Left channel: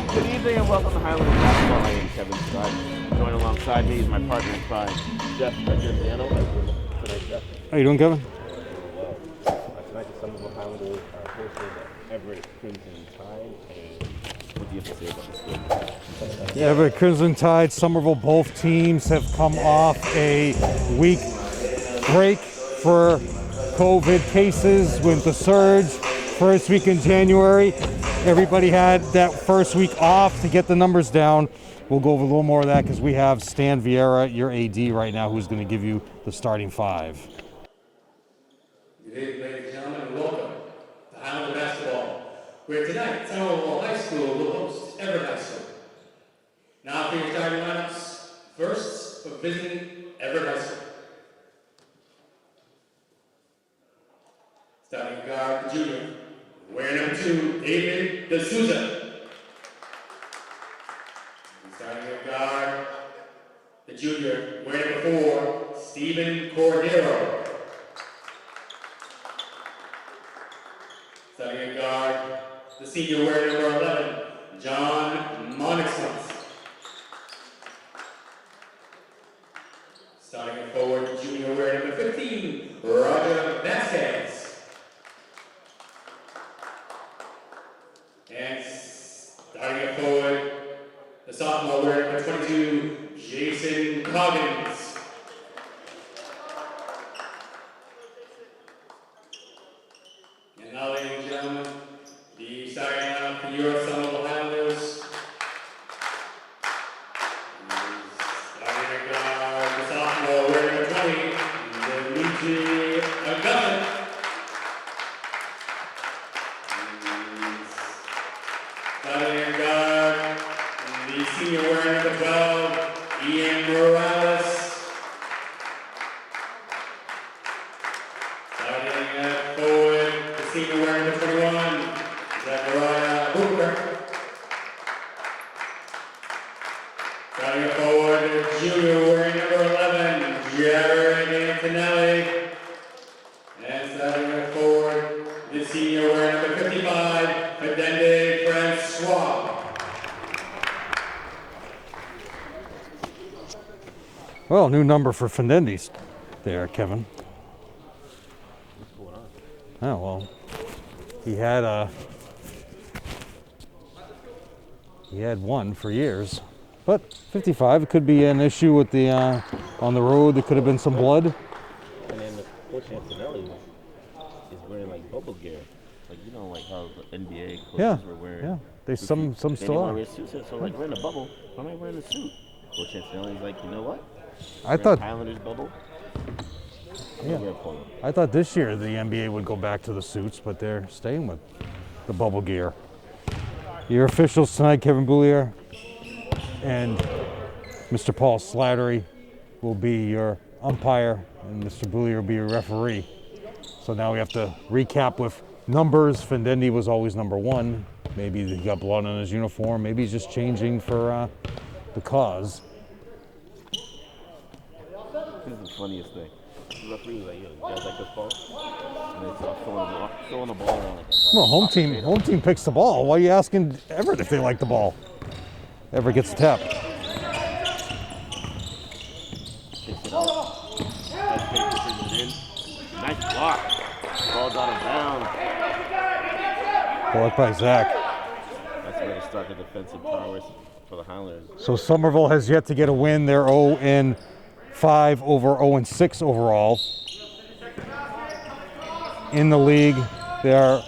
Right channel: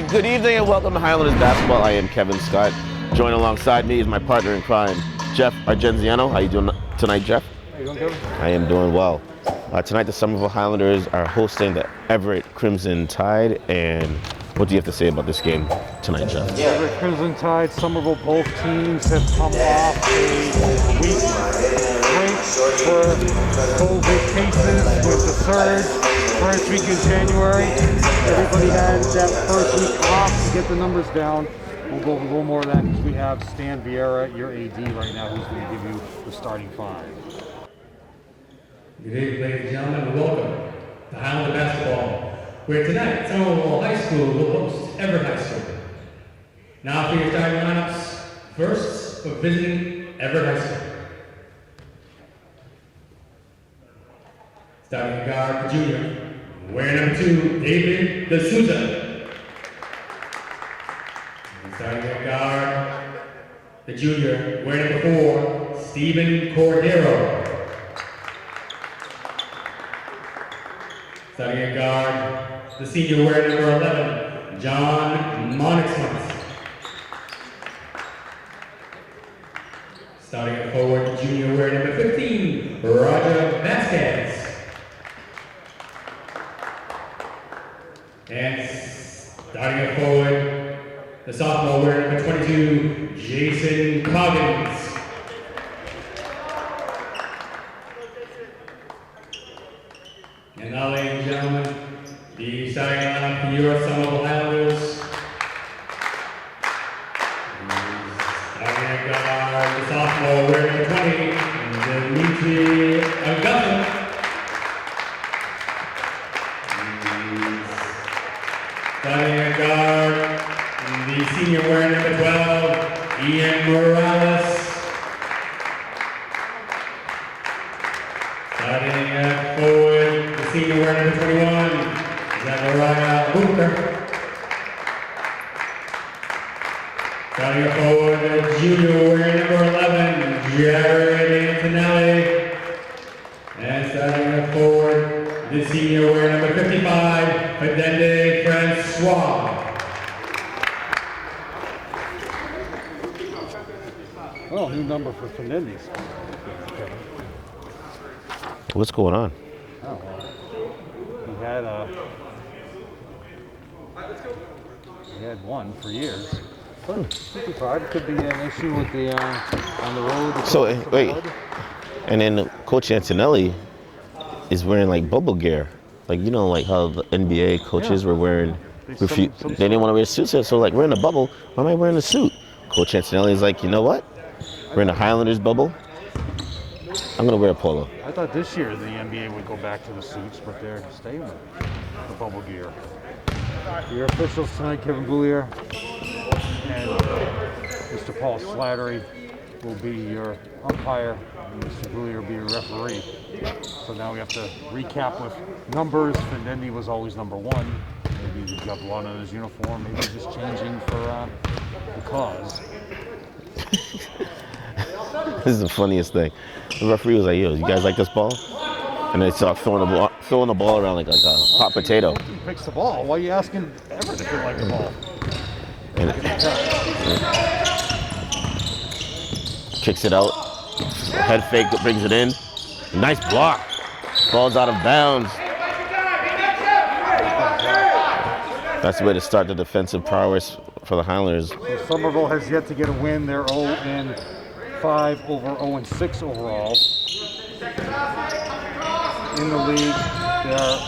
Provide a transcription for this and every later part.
Hey, good evening and welcome to Highlanders Basketball. I am Kevin Scott. Joined alongside me is my partner in crime, Jeff Argenziano. How you doing tonight, Jeff? How you doing, Kevin? I am doing well. Tonight, the Somerville Highlanders are hosting the Everett Crimson Tide. And what do you have to say about this game tonight, Jeff? Everett Crimson Tide, Somerville, both teams have come off a week break for COVID cases with the surge. First week in January, everybody had that first week off to get the numbers down. We'll go over a little more of that because we have Stan Vieira, your AD right now, who's going to give you the starting five. Good evening, ladies and gentlemen, and welcome to Highlanders Basketball, where tonight Somerville High School will host Everett High School. Now for your starting lineups. First, for visiting Everett High School. Starting at guard, the junior, wearing number 2, David D'Souza. And starting at guard, the junior, wearing number 4, Stephen Cordero. Starting at guard, the senior wearing number 11, John Monixmuth. Starting at forward, the junior wearing number 15, Roger Vasquez. And starting at forward, the sophomore wearing number 22, Jason Coggins. And now, ladies and gentlemen, the starting lineup for your Somerville Highlanders. Starting at guard, the sophomore wearing number 20, Dimitri Augustin. Starting at guard, the senior wearing number 12, Ian Morales. Starting at forward, the senior wearing number 21, Zachariah Booker. Starting at forward, the junior wearing number 11, Jared Antonelli. And starting at forward, the senior wearing number 55, Fedende Francois. Well, new number for Fendendi's there, Kevin. What's going on? Oh, well, he had one for years. But 55 could be an issue with the on the road. There could have been some blood. And then Coach Antonelli is wearing like bubble gear. Like, you know, like how the NBA coaches were wearing, they didn't want to wear suits. So like, we're in a bubble, why am I wearing a suit? Coach Antonelli is like, you know what? We're in a Highlanders bubble. I'm going to wear a polo. I thought this year the NBA would go back to the suits, but they're staying with the bubble gear. Your officials tonight, Kevin Boulier and Mr. Paul Slattery will be your umpire, and Mr. Boulier will be your referee. So now we have to recap with numbers. Fendendi was always number 1. Maybe he's got blood on his uniform. Maybe he's just changing for the cause. This is the funniest thing. The referee was like, yo, you guys like this ball? And they start throwing the ball around like a hot potato. Home team picks the ball. Why are you asking Everett if they like the ball? Everett gets tapped. Kicks it out. Head fake brings it in. Nice block. Ball's out of bounds. That's the way to start the defensive prowess for the Highlanders. So Somerville has yet to get a win. They're 0-5 over 0-6 overall. In the league, they are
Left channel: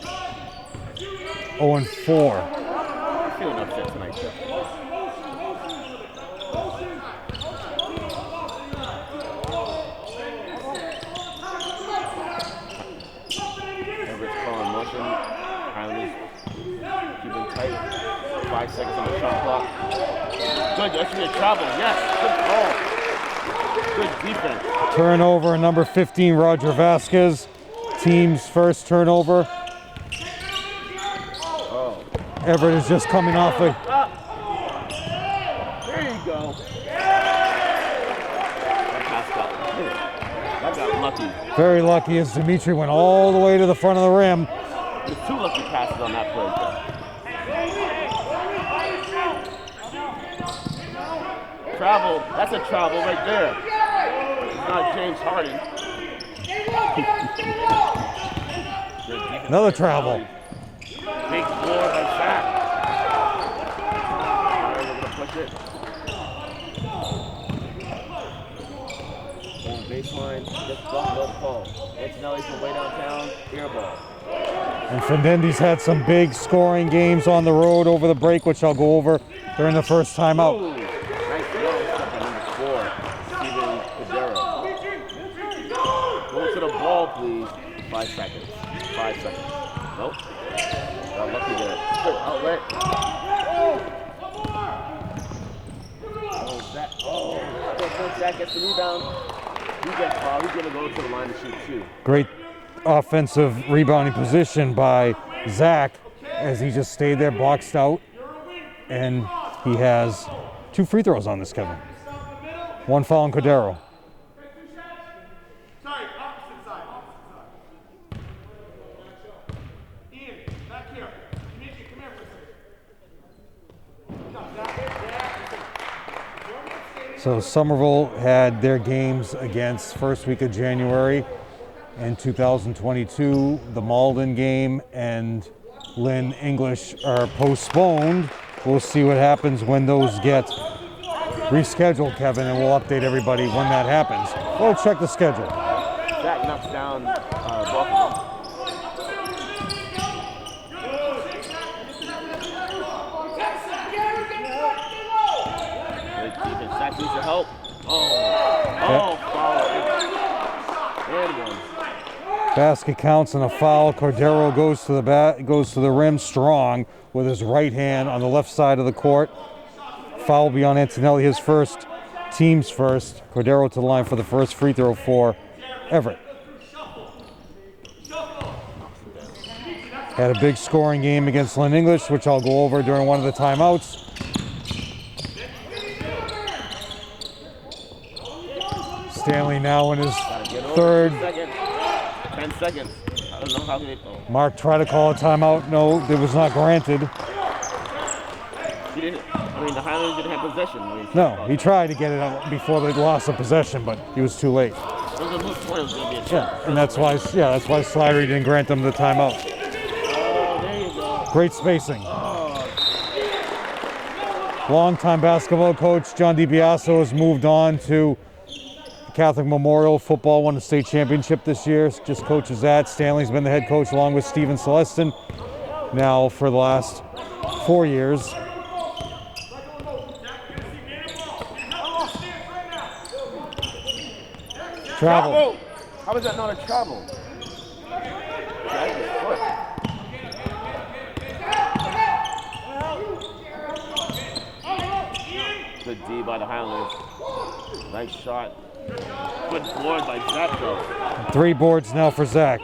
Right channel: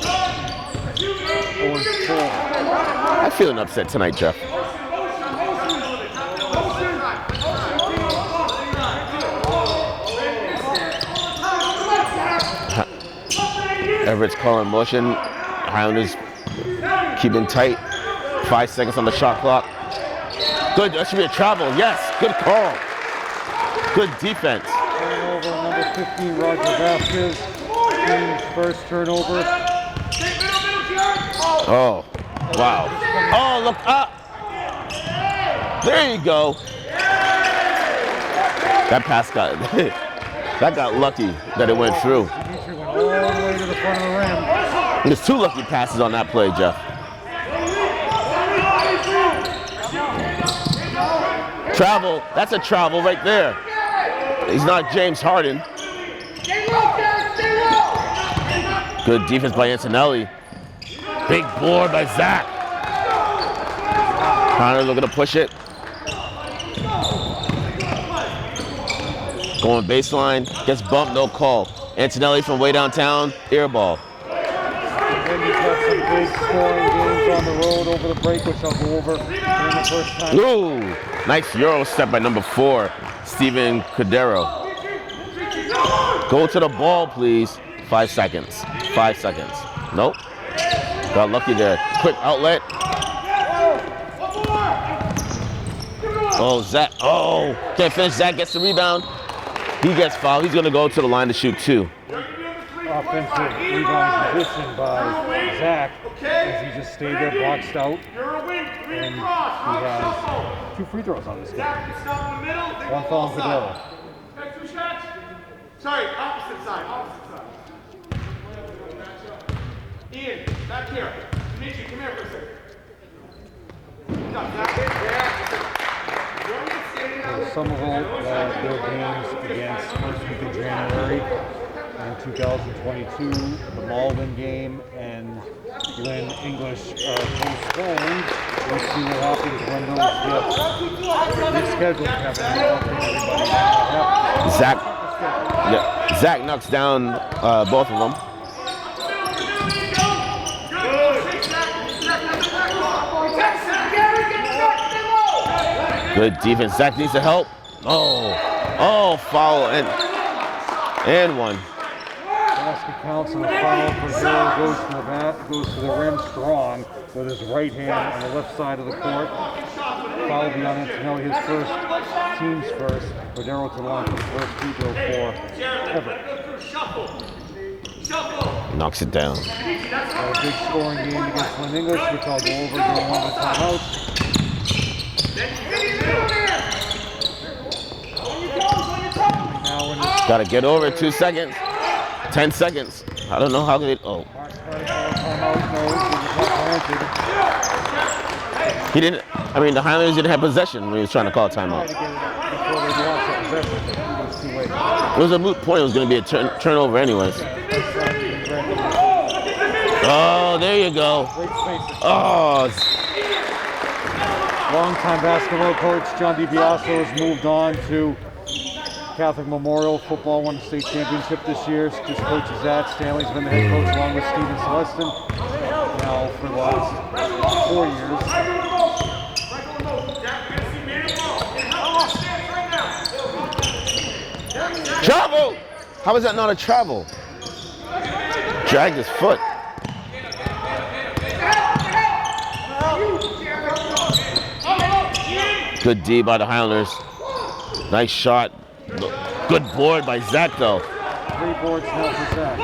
0-4. I'm feeling upset tonight, Jeff. Everett's calling motion. Highlanders keeping tight. 5 seconds on the shot clock. Good, that should be a travel. Yes, good call. Good defense. Turnover, number 15, Roger Vasquez. Team's first turnover. Oh. Everett is just coming off look up. There you go. That pass got lucky that it went through. Dimitri went all the way to the front of the rim. There's 2 lucky passes on that play, Jeff. Travel. That's a travel right there. He's not James Harden. Good defense by Antonelli. Big board by Zach. Highlanders looking to push it. Going baseline, gets bumped, no call. Antonelli from way downtown, air ball. And Findendi's had some big scoring games on the road over the break, which I'll go over during the first time out. Ooh, nice Euro step by number 4, Steven Cordero. Go to the ball, please. 5 seconds. 5 seconds. Nope. Got lucky there. Quick outlet. Oh, Zach. Oh, can't finish. Zach gets the rebound. He gets fouled. He's going to go to the line to shoot 2. Great offensive rebounding position by Zach as he just stayed there, boxed out. And he has 2 free throws on the schedule. 1 foul on Cordero. Sorry, opposite side. Ian, back here. Dimitri, come here for a second. So Somerville had their games against first week of January in 2022. The Malden game and Lynn English are postponed. We'll see what happens when those get rescheduled, Kevin, and we'll update everybody when that happens. Zach, we'll check the schedule. Yeah, Zach knocks down both of them. Good defense. Zach needs the help. Oh, foul and 1. Basket counts and the foul. Cordero goes to the rim strong with his right hand on the left side of the court. Foul will be on Antonelli, his first, team's first. Cordero to the line for the first free throw for Everett. Knocks it down. Had a big scoring game against Lynn English, which I'll go over during one of the timeouts. Stanley now in his Got to get over 2 seconds. 10 seconds. I don't know how they. Oh. Mark tried to call a timeout. No, it was not granted. He didn't. I mean, the Highlanders didn't have possession when he was trying to call a timeout. He tried to get it out before they lost the possession, but he was too late. It was a moot point. It was going to be a turnover anyway. Yeah, that's why Slattery didn't grant them the timeout. Oh, there you go. Great spacing. Oh. Longtime basketball coach John DiBiaso has moved on to Catholic Memorial Football, won the state championship this year. Just coaches that. Stanley's been the head coach along with Stephen Celestin now for the last 4 years. Travel! How is that not a travel? Dragged his foot. Good D by the Highlanders. Nice shot. Good board by Zach, though. 3 boards now for Zach.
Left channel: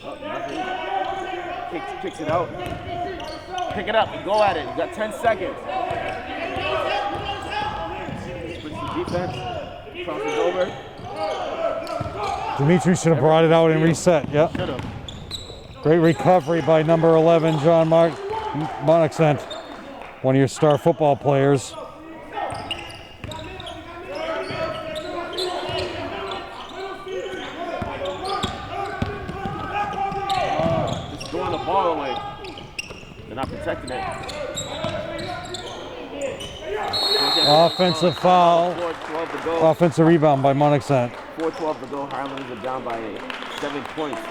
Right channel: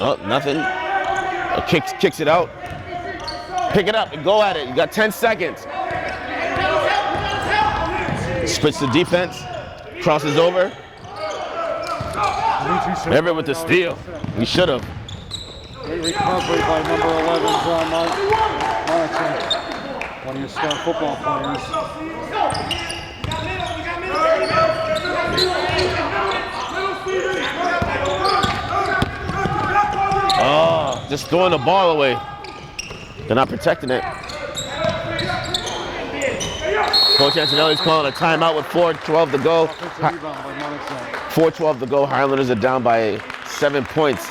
Oh, nothing. Kicks it out. Pick it up and go at it. You got 10 seconds. Splits the defense. Crosses over. Dimitri should have brought it out and reset. Yep. He should have. Great recovery by number 11, John Monixent, one of your star football players. Oh, just throwing the ball away. They're not protecting it. Coach Antonelli's calling a timeout with 4:12 to go. Offensive rebound by Monixent. 4:12 to go. Highlanders are down by 7 points.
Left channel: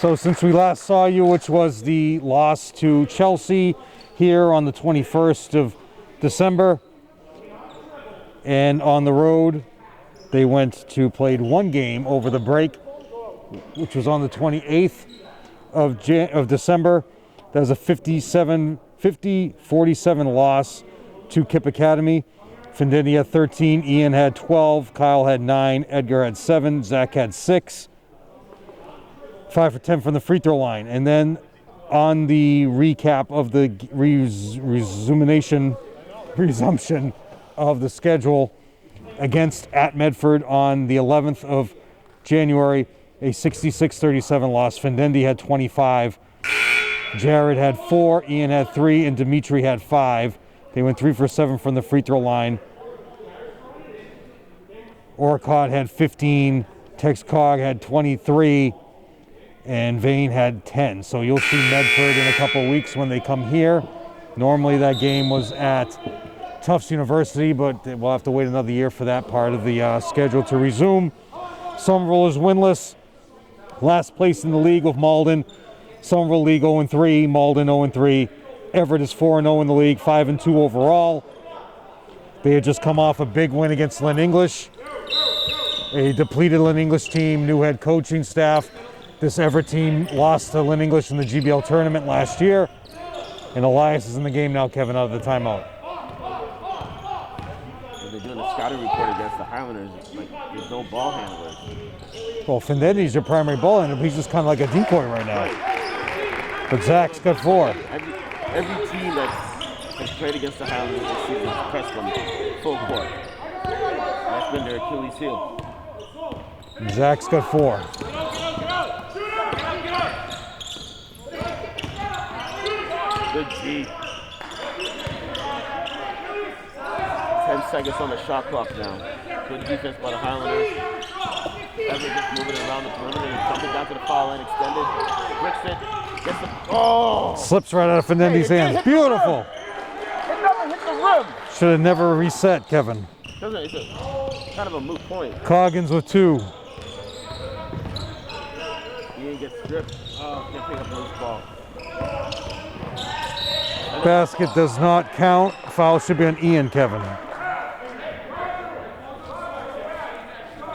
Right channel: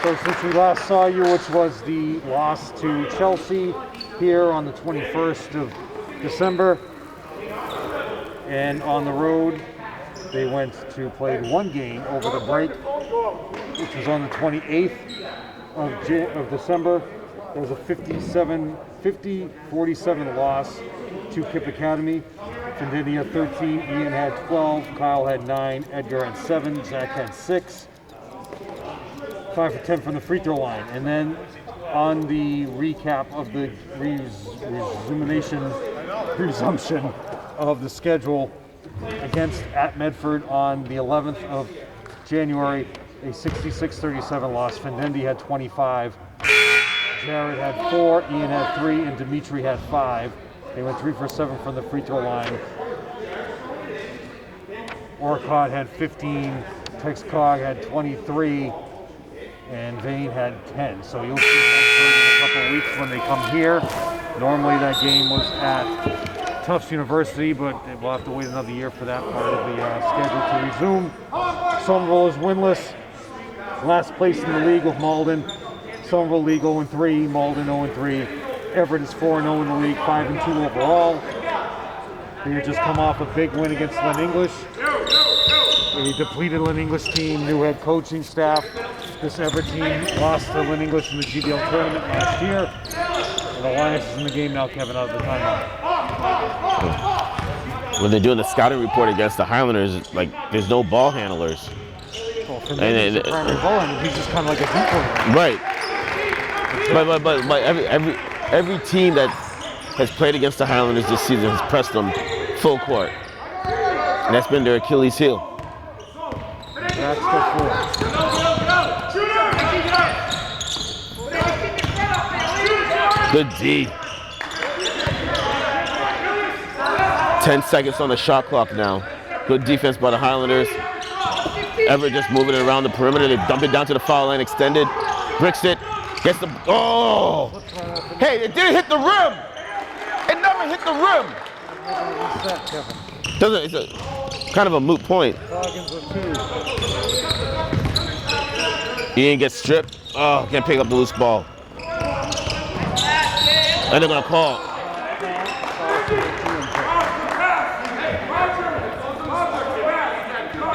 So since we last saw you, which was the loss to Chelsea here on the 21st of December, and on the road, they played 1 game over the break, which was on the 28th of December. That was a 50-47 loss to Kip Academy. Findetti had 13, Ian had 12, Kyle had 9, Edgar had 7, Zach had 6. 5 for 10 from the free throw line. And then on the recap of the resumption of the schedule against at Medford on the 11th of January, a 66-37 loss. Findendi had 25. Jared had 4, Ian had 3, and Dimitri had 5. They went 3 for 7 from the free throw line. Orcott had 15, Tex Cog had 23, and Vane had 10. So you'll see Medford in a couple weeks when they come here. Normally that game was at Tufts University, but we'll have to wait another year for that part of the schedule to resume. Somerville is winless, last place in the league with Malden. Somerville League 0-3, Malden 0-3. Everett is 4-0 in the league, 5-2 overall. They had just come off a big win against Lynn English. A depleted Lynn English team, new head coaching staff. This Everett team lost to Lynn English in the GBL tournament last year. And Elias is in the game now, Kevin, out of the timeout. When they're doing the scouting report against the Highlanders, like, there's no ball handlers. Well, Findendi's your primary ball handler. He's just kind of like a decoy right now. Right. But every team that has played against the Highlanders this season has pressed them full court. And that's been their Achilles heel. Zach's got 4. Good D. 10 seconds on the shot clock now. Good defense by the Highlanders. Everett just moving it around the perimeter. They dump it down to the foul line, extended. Bricks it. Gets the, oh! Slips right out of Findendi's Hey, it hands. didn't hit the rim. It never hit the rim. Should have never reset, Kevin. It's a kind of a moot point. Coggins with 2. Ian gets stripped. Oh, can't pick up the loose ball. And then Basket does not count. Foul should be on Ian, Kevin.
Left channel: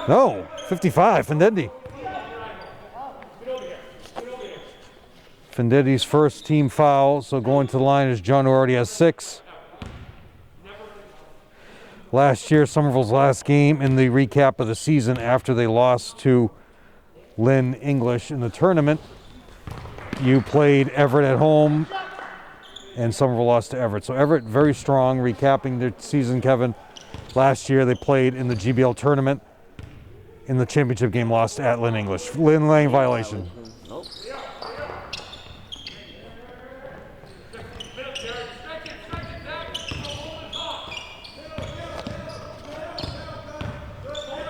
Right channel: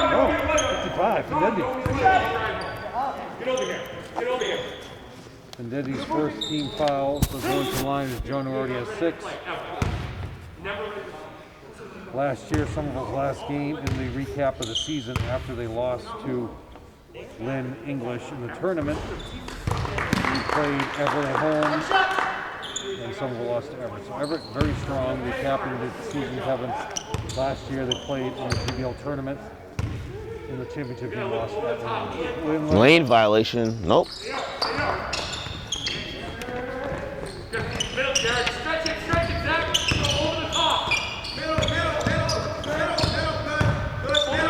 No, 55, Findendi. Findendi's first team foul, so going to the line is John, who already has 6. Last year, Somerville's last game in the recap of the season after they lost to Lynn English in the tournament. You played Everett at home, and Somerville lost to Everett. So Everett very strong, recapping the season, Kevin. Last year they played in the GBL tournament. In the championship game, lost at Lynn English. Lane violation. Nope.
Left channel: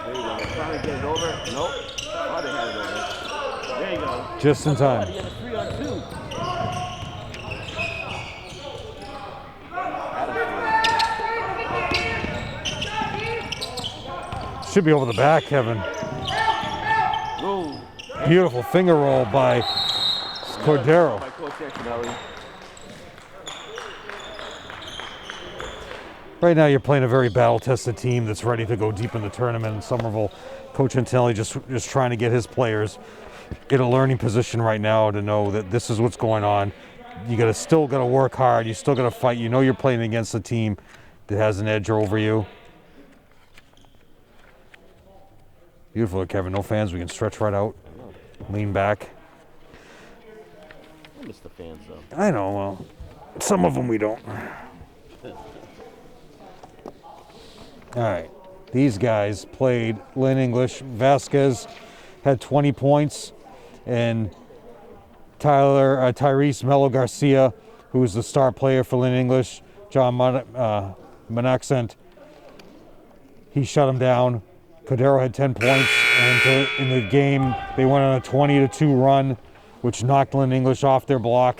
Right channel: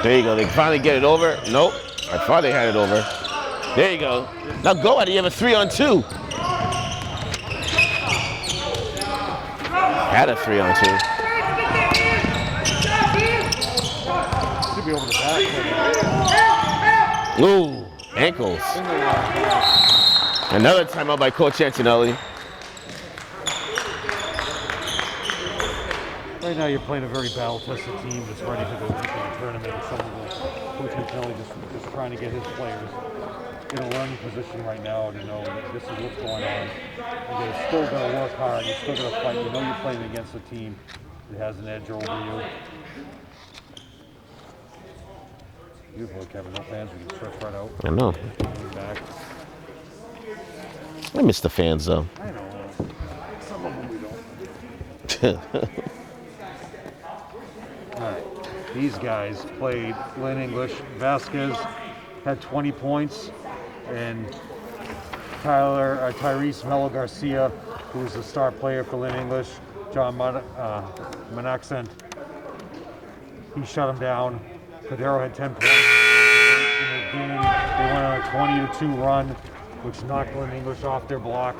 There you go. They finally get it over. Nope. I thought they had it over. There you go. Just now go at it. You have a 3-on-2. Had a 3-on-2. Should be over the back, Kevin. Ooh. Ankles. Beautiful finger roll by another timeout by Coach Antonelli. Right now you're playing a very battle-tested team that's ready to go deep in the tournament. Somerville, Coach Antonelli just trying to get his players in a learning position right now to know that this is what's going on. You still gotta work hard. You still gotta fight. You know you're playing against a team that has an edge over you. Beautiful, Kevin. No fans. We can stretch right out. I know. Lean back. I miss the fans though. I know. Well, some of them we don't. All right. These guys played Lynn English. Vasquez had 20 points, and Tyrese Melo Garcia, who was the star player for Lynn English, John Monaxent, he shut him down. Cordero had 10 points, and in the game, they went on a 20-2 run, which knocked Lynn English off their block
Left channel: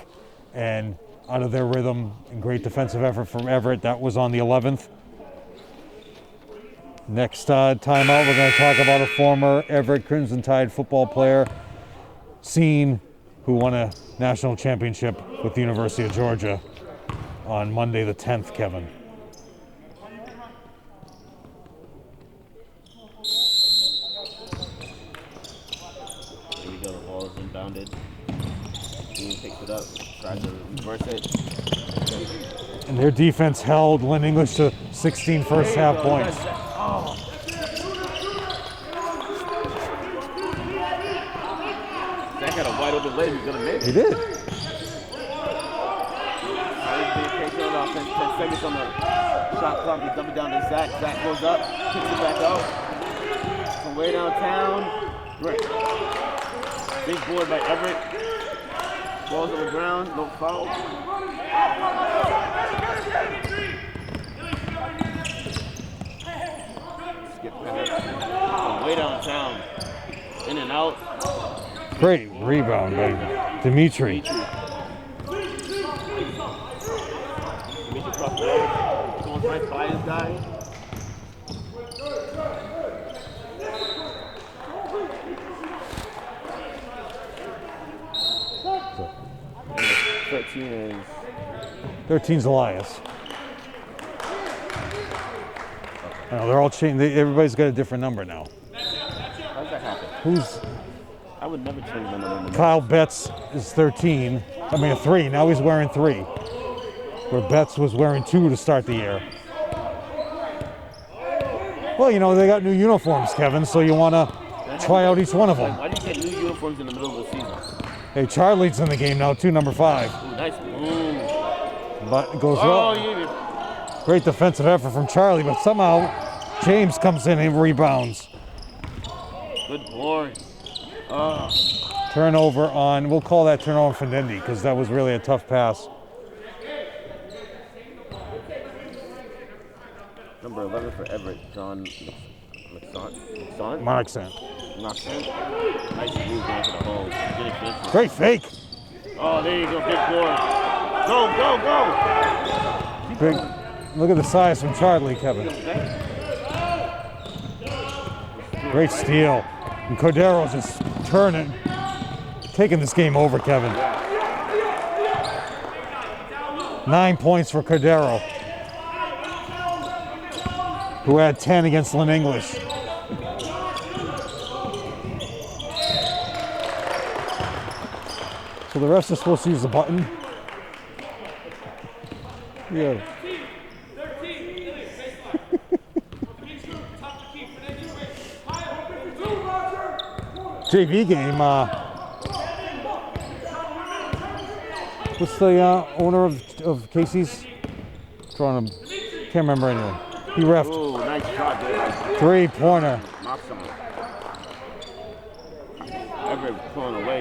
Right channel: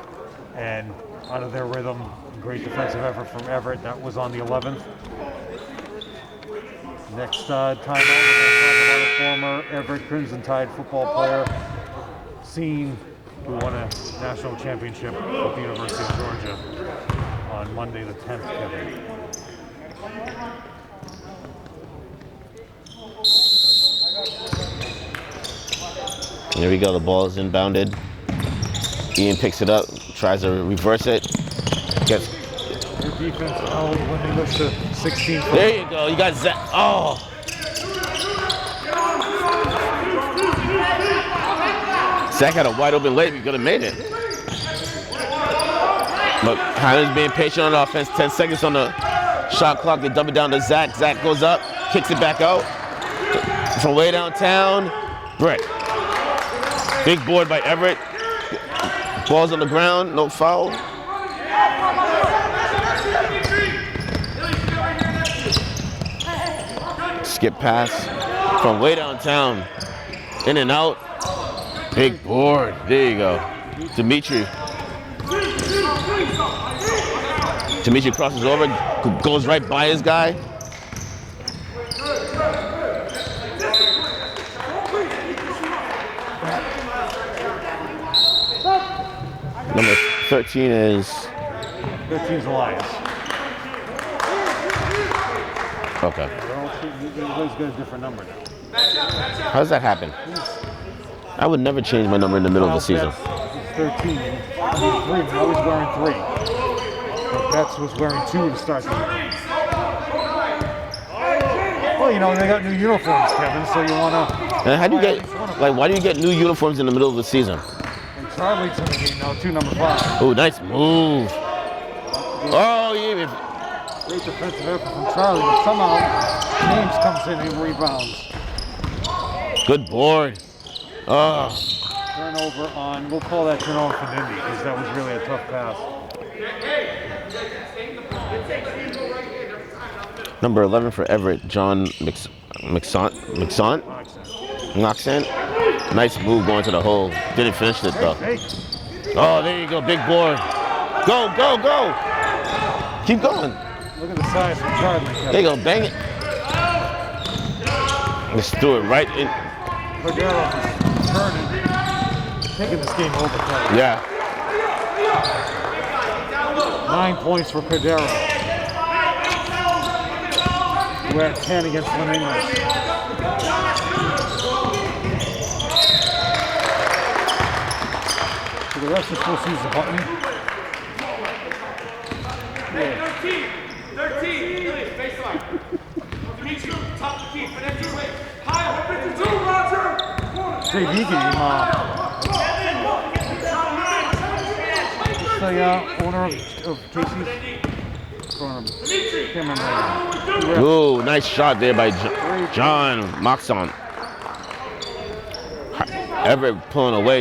and out of their rhythm. Great defensive effort from Everett. That was on the 11th. Next timeout, we're going to talk about a former Everett Crimson Tide football player, Scene, who won a national championship with the University of Georgia on Monday the 10th, Kevin. There we go, the ball is inbounded. Ian picks it up, tries to reverse it. Gets. Their defense held Lynn English to 16 first There you half. go, you got Zach. Oh! Zach had a wide open layup, he could have made it. He did. But Highlanders being patient on offense, 10 seconds on the shot clock, they dump it down to Zach. Zach goes up, kicks it back out. From way downtown, Brick. Big board by Everett. Ball's on the ground, no foul. Skip pass from way downtown. In and out. Big board. There you go. Dimitri crosses over, goes right by his guy. Number 13 is... 13's the Lions. Okay. They're all changing. Everybody's got a different number now. How does that happen? I would never change my number in the middle of the Kyle season. Betts is 13. I mean, 3. Now he's wearing 3. But Betts was wearing 2 to start the year. Well, you know, they got new uniforms, Kevin, so you want to try out each one of them. Like, why do you get new uniforms in the middle of the season? Hey, Charlie's in the game now, too, number 5. Oh, nice move. But goes yeah. Great defensive effort from Charlie, but somehow James comes in and rebounds. Good board. Oh. Turnover on, we'll call that turnover from Indy because that was really a tough pass. Number 11 for Everett, John Moxant. Nice move going to the hole. Didn't finish it though. Great fake. Oh, there you go, big board. Go, go, go. Keep going. Look at the size from Charlie. There you go, bang it. Let's do it right here. Cordero just turning, taking this game over, Kevin. Yeah. 9 points for Cordero, who had 10 against Lynn English. So the rest of school sees the button. 13, baseline. Dimitri, top of the key, finish your way. Kyle, 52, Roger. JV game. What's the owner of Casey's? Can't remember anymore. Ooh, nice shot there by John Moxon. Everett pulling away.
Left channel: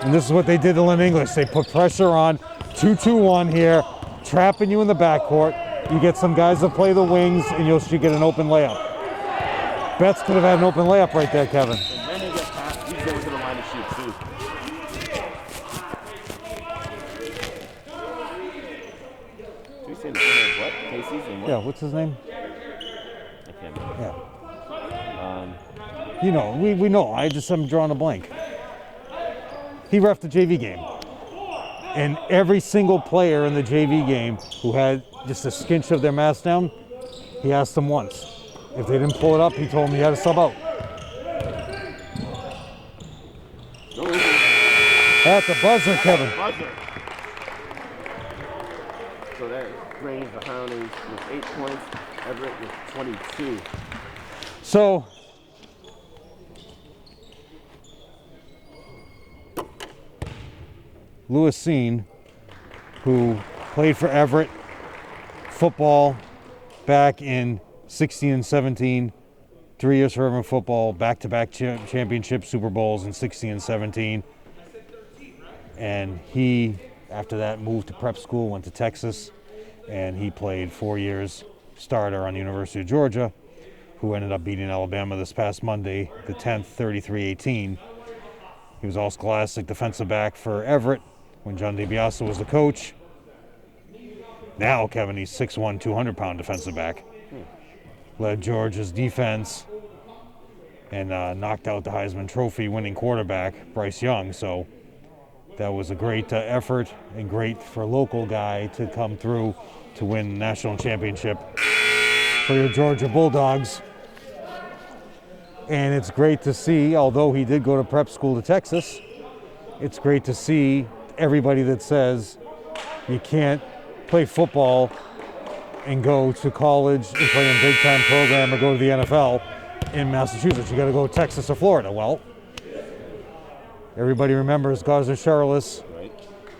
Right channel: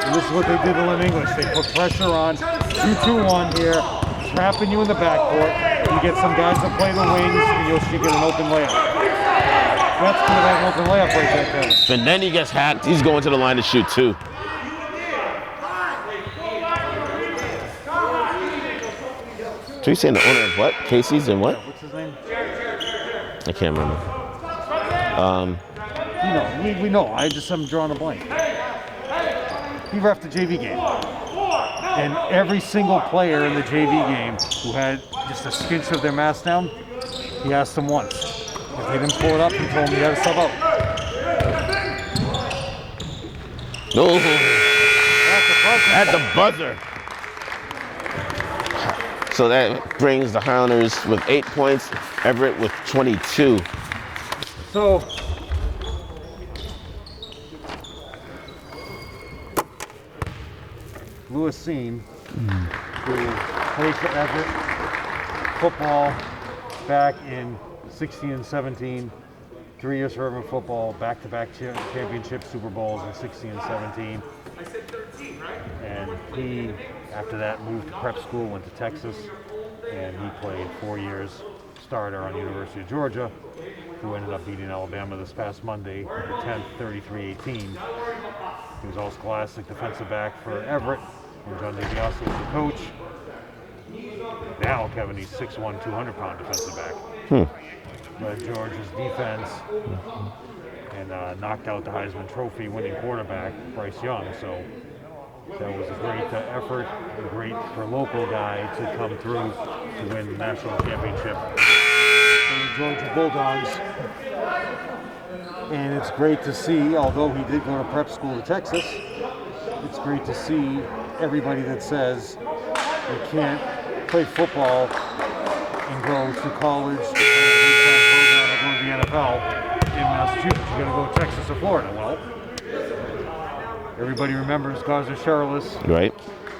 And this is what they did to Lynn English. They put pressure on. 2-2-1 here, trapping you in the backcourt. You get some guys that play the wings, and you'll get an open layup. Betts could have had an open layup right there, Kevin. And then he gets hacked. He's going to the line to shoot too. So you saying the owner of what? Casey's and what? Yeah, what's his name? I can't remember. You know, we know. I'm drawing a blank. He reffed the JV game. And every single player in the JV game who had just a skinch of their mask down, he asked them once. If they didn't pull it up, he told them he had to sub out. No. At the buzzer. At the buzzer. So that brings the Highlanders with 8 points, Everett with 22. So, Lewis Seen, who played for Everett football back in 16 and 17, 3 years for Everett football, back-to-back championship Super Bowls in 16 and 17. And he, after that, moved to prep school, went to Texas, and he played 4 years starter on the University of Georgia, who ended up beating Alabama this past Monday, the 10th, 33-18. He was all-scholastic defensive back for Everett when John DiBiase was the coach. Now, Kevin, he's 6'1", 200-pound defensive back. Led Georgia's defense and knocked out the Heisman Trophy winning quarterback, Bryce Young. So that was a great effort and great for a local guy to come through to win the national championship for the Georgia Bulldogs. And it's great to see, although he did go to prep school to Texas, it's great to see everybody that says you can't play football and go to college and play in a big-time program or go to the NFL in Massachusetts. You got to go to Texas or Florida. Well, everybody remembers Garza Charles, right?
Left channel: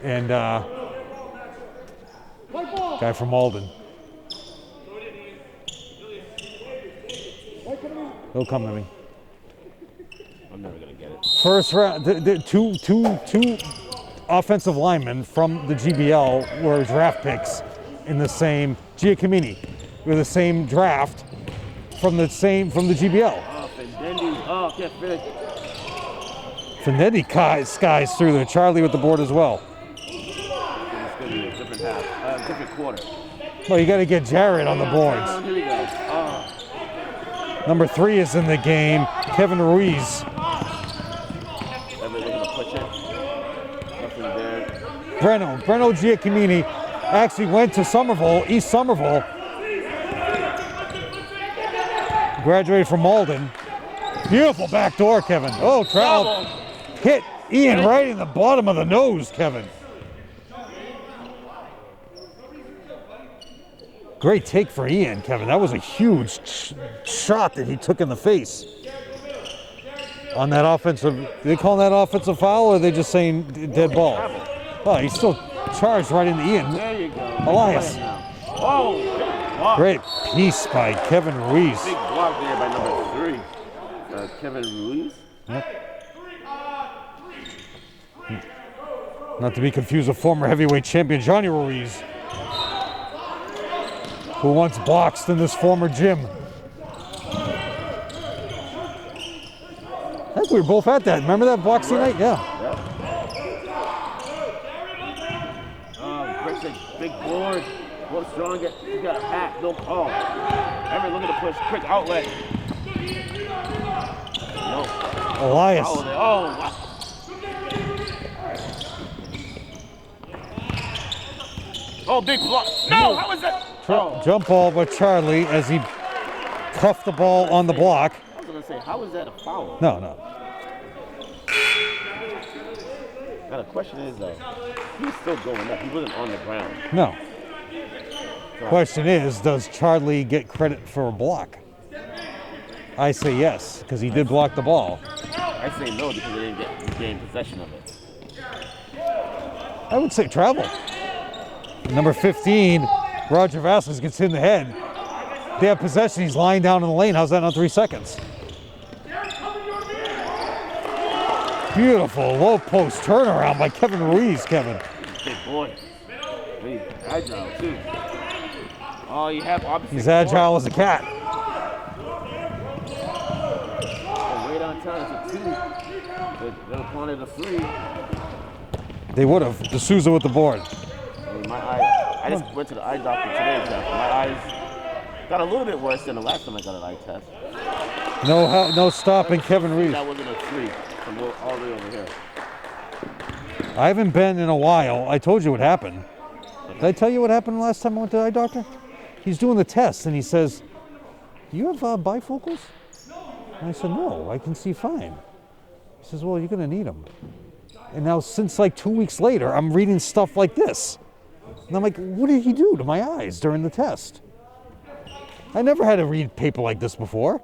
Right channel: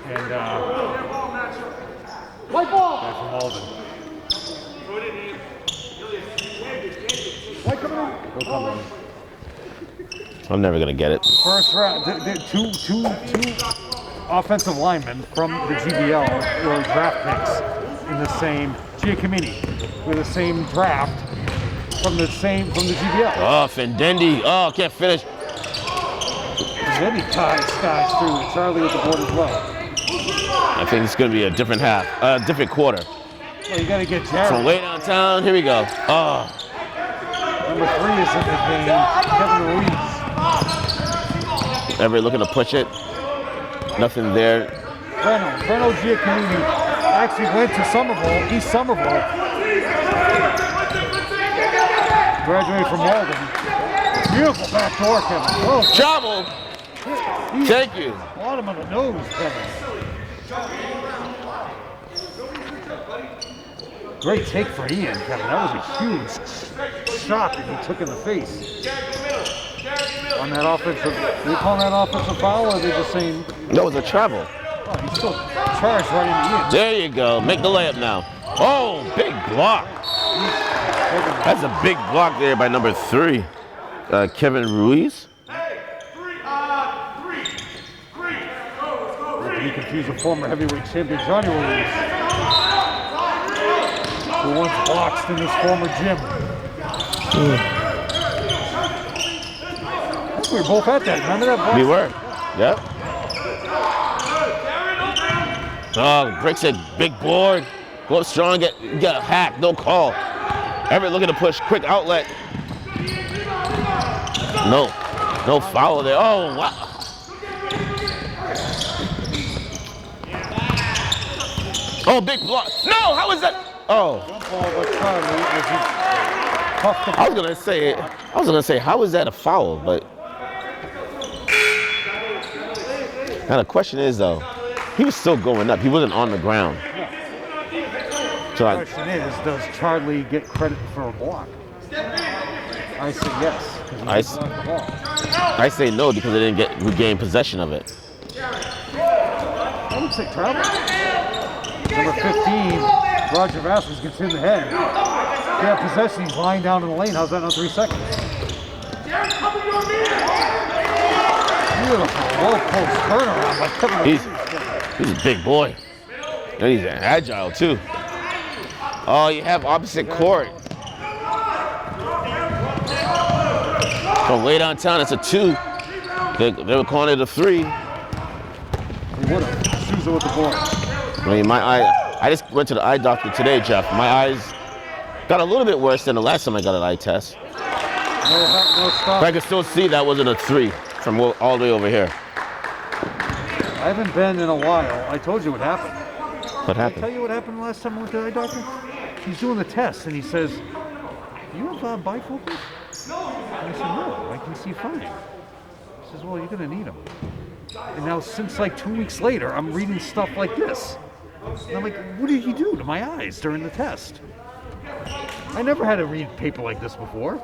And guy from Malden. He'll come in. I'm never gonna get it. First round, two offensive linemen from the GBL were draft picks in the same Giacomini, or the same draft from the GBL. Oh, Fendendi. Oh, can't finish. Fendendi skies through there. Charlie with the board as well. I think it's gonna be a different half, different quarter. Well, you got to get Jared So on late the on board. town. Here we go. Oh, Number 3 is in the game. Kevin Ruiz. Everett looking to push it. Nothing there. Breno Giacomini actually went to Somerville, East Somerville. Graduated from Malden. Beautiful back door, Kevin. Oh, Trouble. hit Ian right in the bottom of the nose, Kevin. Great take for Ian, Kevin. That was a huge shot that he took in the face. On that offensive, they call that offensive foul, or are they just saying No, it's a travel. Oh, he's still charged right into Ian. There you go. Make the layup now. Oh, big block. Great piece by Kevin Ruiz. That's a big block there by number 3, Kevin Ruiz. Not to be confused with former heavyweight champion Johnny Ruiz, who once boxed in this former gym. I think we were both at that. Remember that boxing We were. night? Yeah. Yep. Oh, breaks a big board. Go up strong, get hacked, no call. Everett looking to push, quick outlet. No Nice. foul there. Oh, wow. Oh, big block. No, how was that? Oh. Jump ball by Charlie as he cuffed the ball on the block. I was gonna say, how is that a foul? No, But now the question is though, he was still going up. He wasn't on the ground. no. So The question is, does Charlie get credit for a block? I say yes, because he did block the ball. I say no because they didn't regain possession of it. I would say travel. Number 15, Roger Vasquez gets hit in the head. They have possession, he's lying down in the lane. How's that not 3 seconds? Beautiful low post turnaround by Kevin Ruiz, Kevin. He's a big boy. And he's agile too. Oh, you have opposite He's court. agile as a cat. From way downtown, it's a 2. They were calling it a 3. They would have. D'Souza with the board. I mean, my eye, I just went to the eye doctor today, Jeff. My eyes got a little bit worse than the last time I got an eye test. No stop. But I can still see that wasn't a 3 from all the way over here. I haven't been in a while. I told you what happened. What Did I happened? tell you what happened last time I went to the eye doctor? He's doing the test and he says, "Do you have bifocals?" And I said, "No, I can see fine." He says, "Well, you're gonna need them." And now since like 2 weeks later, I'm reading stuff like this. And I'm like, what did he do to my eyes during the test? I never had to read paper like this before.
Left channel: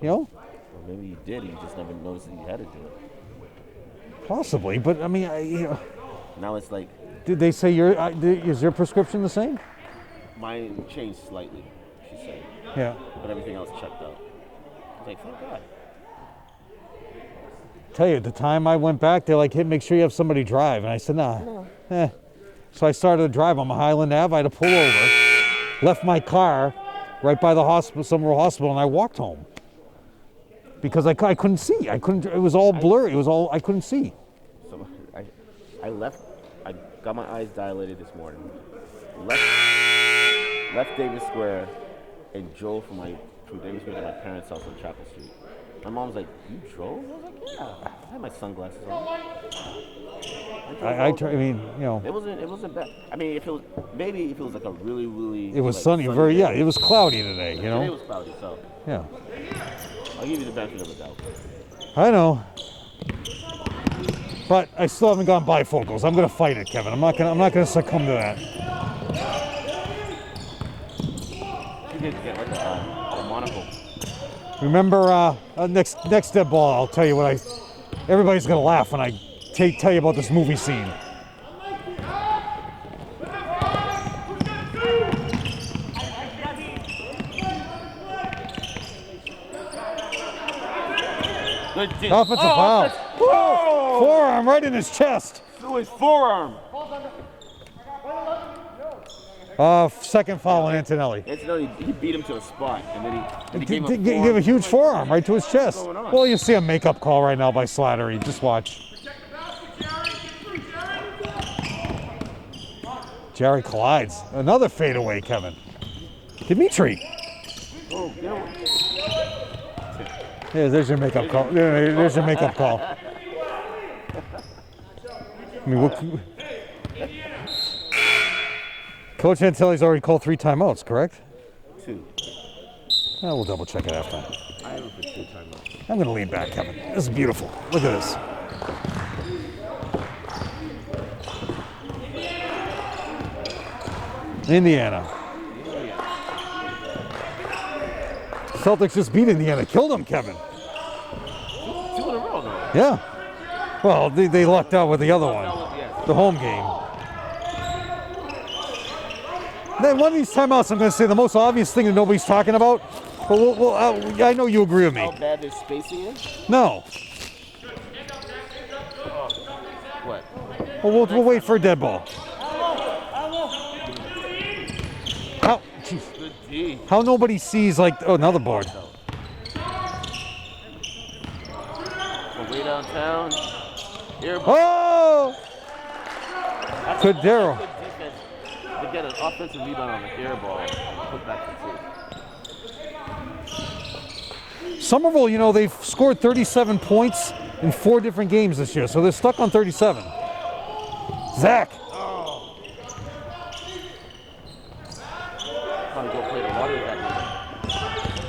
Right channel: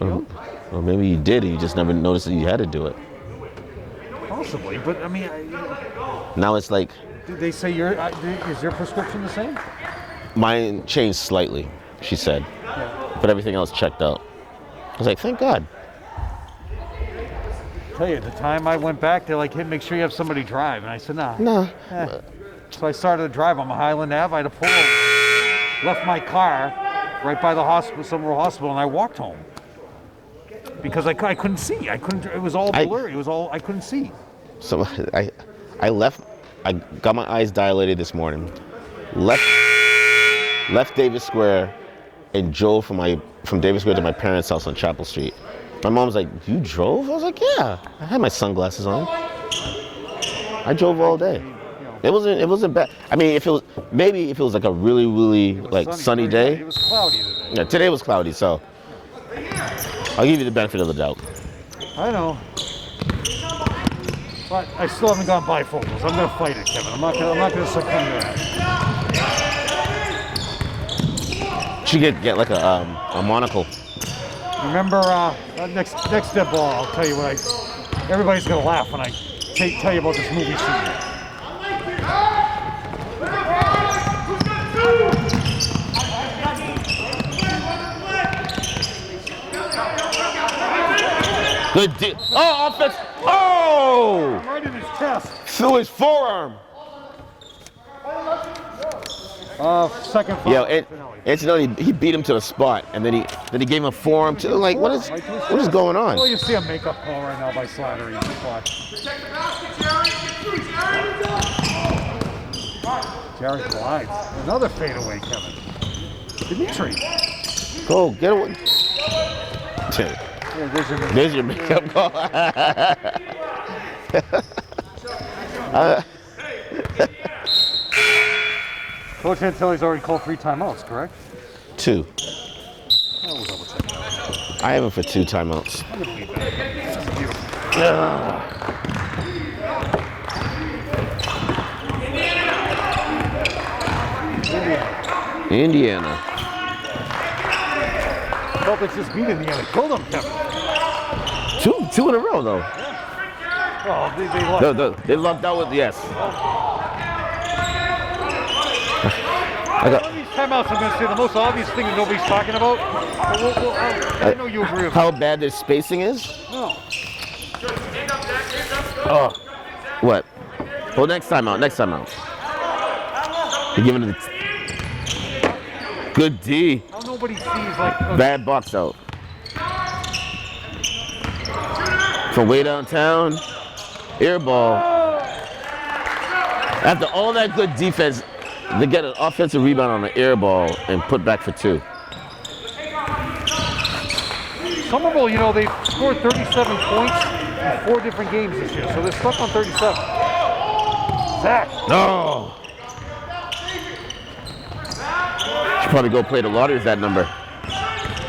You know? Well, maybe you did, and you just never noticed that you had to do it. Possibly, but I mean, Now it's like, did they say is your prescription the same? mine changed slightly, she said, Yeah. but everything else checked out. I was like, thank God. Tell you, at the time I went back, they're like, "Hey, make sure you have somebody drive." And I said, "Nah." Nah. So I started to drive on Highland Ave. I had to pull over, left my car right by the hospital, Somerville Hospital, and I walked home because I couldn't see. I couldn't. It was all blurry. I couldn't see. So I left, I got my eyes dilated this morning, left Davis Square, and drove from Davis Square to my parents' house on Chapel Street. My mom was like, "You drove?" I was like, "Yeah." I had my sunglasses on. I drove all day. I mean, you know, It wasn't bad. I mean, if it was like a really, really it was like sunny very- day. Yeah, it was cloudy today. Yeah, you today know? was cloudy, so Yeah. I'll give you the benefit of the doubt. I know. But I still haven't gone bifocals. I'm gonna fight it, Kevin. I'm not gonna succumb to that. Should get like a monocle. Remember, next dead ball, I'll tell you what everybody's gonna laugh when I tell you about this movie scene. Good D. Offensive foul. Offense. Oh! Forearm right in his chest. Through his forearm. Second foul on Yeah, Antonelli. Antonelli, he beat him to the spot, and then he gave him a He forearm. gave a too. huge Like, forearm right to his chest. What is going on? Well, you see a makeup call right now by Slattery. Just watch. Jerry collides. Another fadeaway, Kevin. Dimitri. Go, get away. Yeah, there's your makeup There's your call. makeup Yeah, there's your makeup call. Coach Antilli's already called 3 timeouts, correct? 2. Yeah, we'll double check it out. I have him for 2 timeouts. I'm gonna lean back. This is beautiful. Look at this. Indiana. Celtics just beat Indiana. Killed them, Kevin. 2 in a row, though. Yeah. Well, they lucked out with the other one. Out with, yes. The home game. Now, one of these timeouts, I'm going to say the most obvious thing that nobody's talking about. I know you agree with me. How bad their spacing is? No. What? We'll Next wait time for out. Next dead time ball. out. You're giving it good D. How nobody sees like another Bad ball. box out. From way downtown. Air ball. Oh! After Good all deal. that good defense, they get an offensive rebound on the air ball and put back for 2. Somerville, you know, they've scored 37 points in 4 different games this year, so they're stuck on 37. Zach. No. Should probably go play the lottery with that number.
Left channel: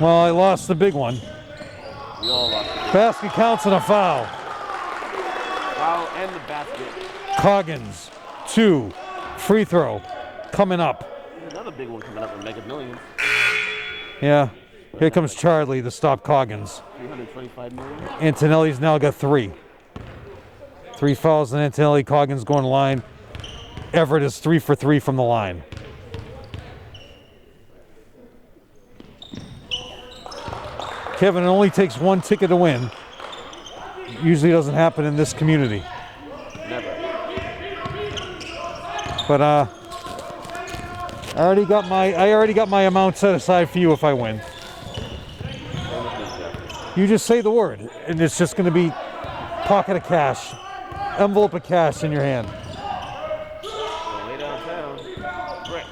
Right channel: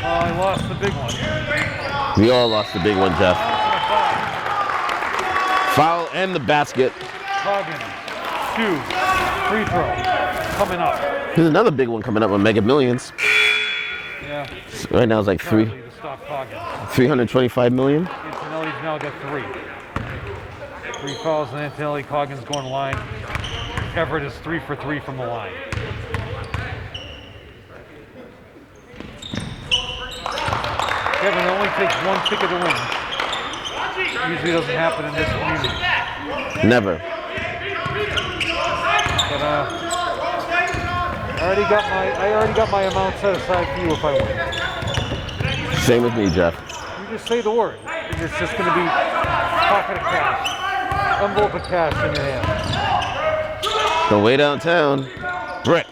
Well, I lost the big one. We all lost the big ones, Basket Jeff. counts and a foul. Foul and the basket. Coggins, 2. Free throw coming up. There's another big one coming up on Mega Millions. Yeah. Right Here now comes it's like Charlie to stop Coggins. 325 million. Antonelli's now got 3. 3 fouls and Antonelli. Coggins going to line. Everett is 3 for 3 from the line. Kevin, it only takes 1 ticket to win. Usually doesn't happen in this community. Never. But I already got my amount set aside for you if I win. Same with me, Jeff. You just say the word, and it's just going to be pocket of cash, envelope of cash in your hand. From way downtown. Brick.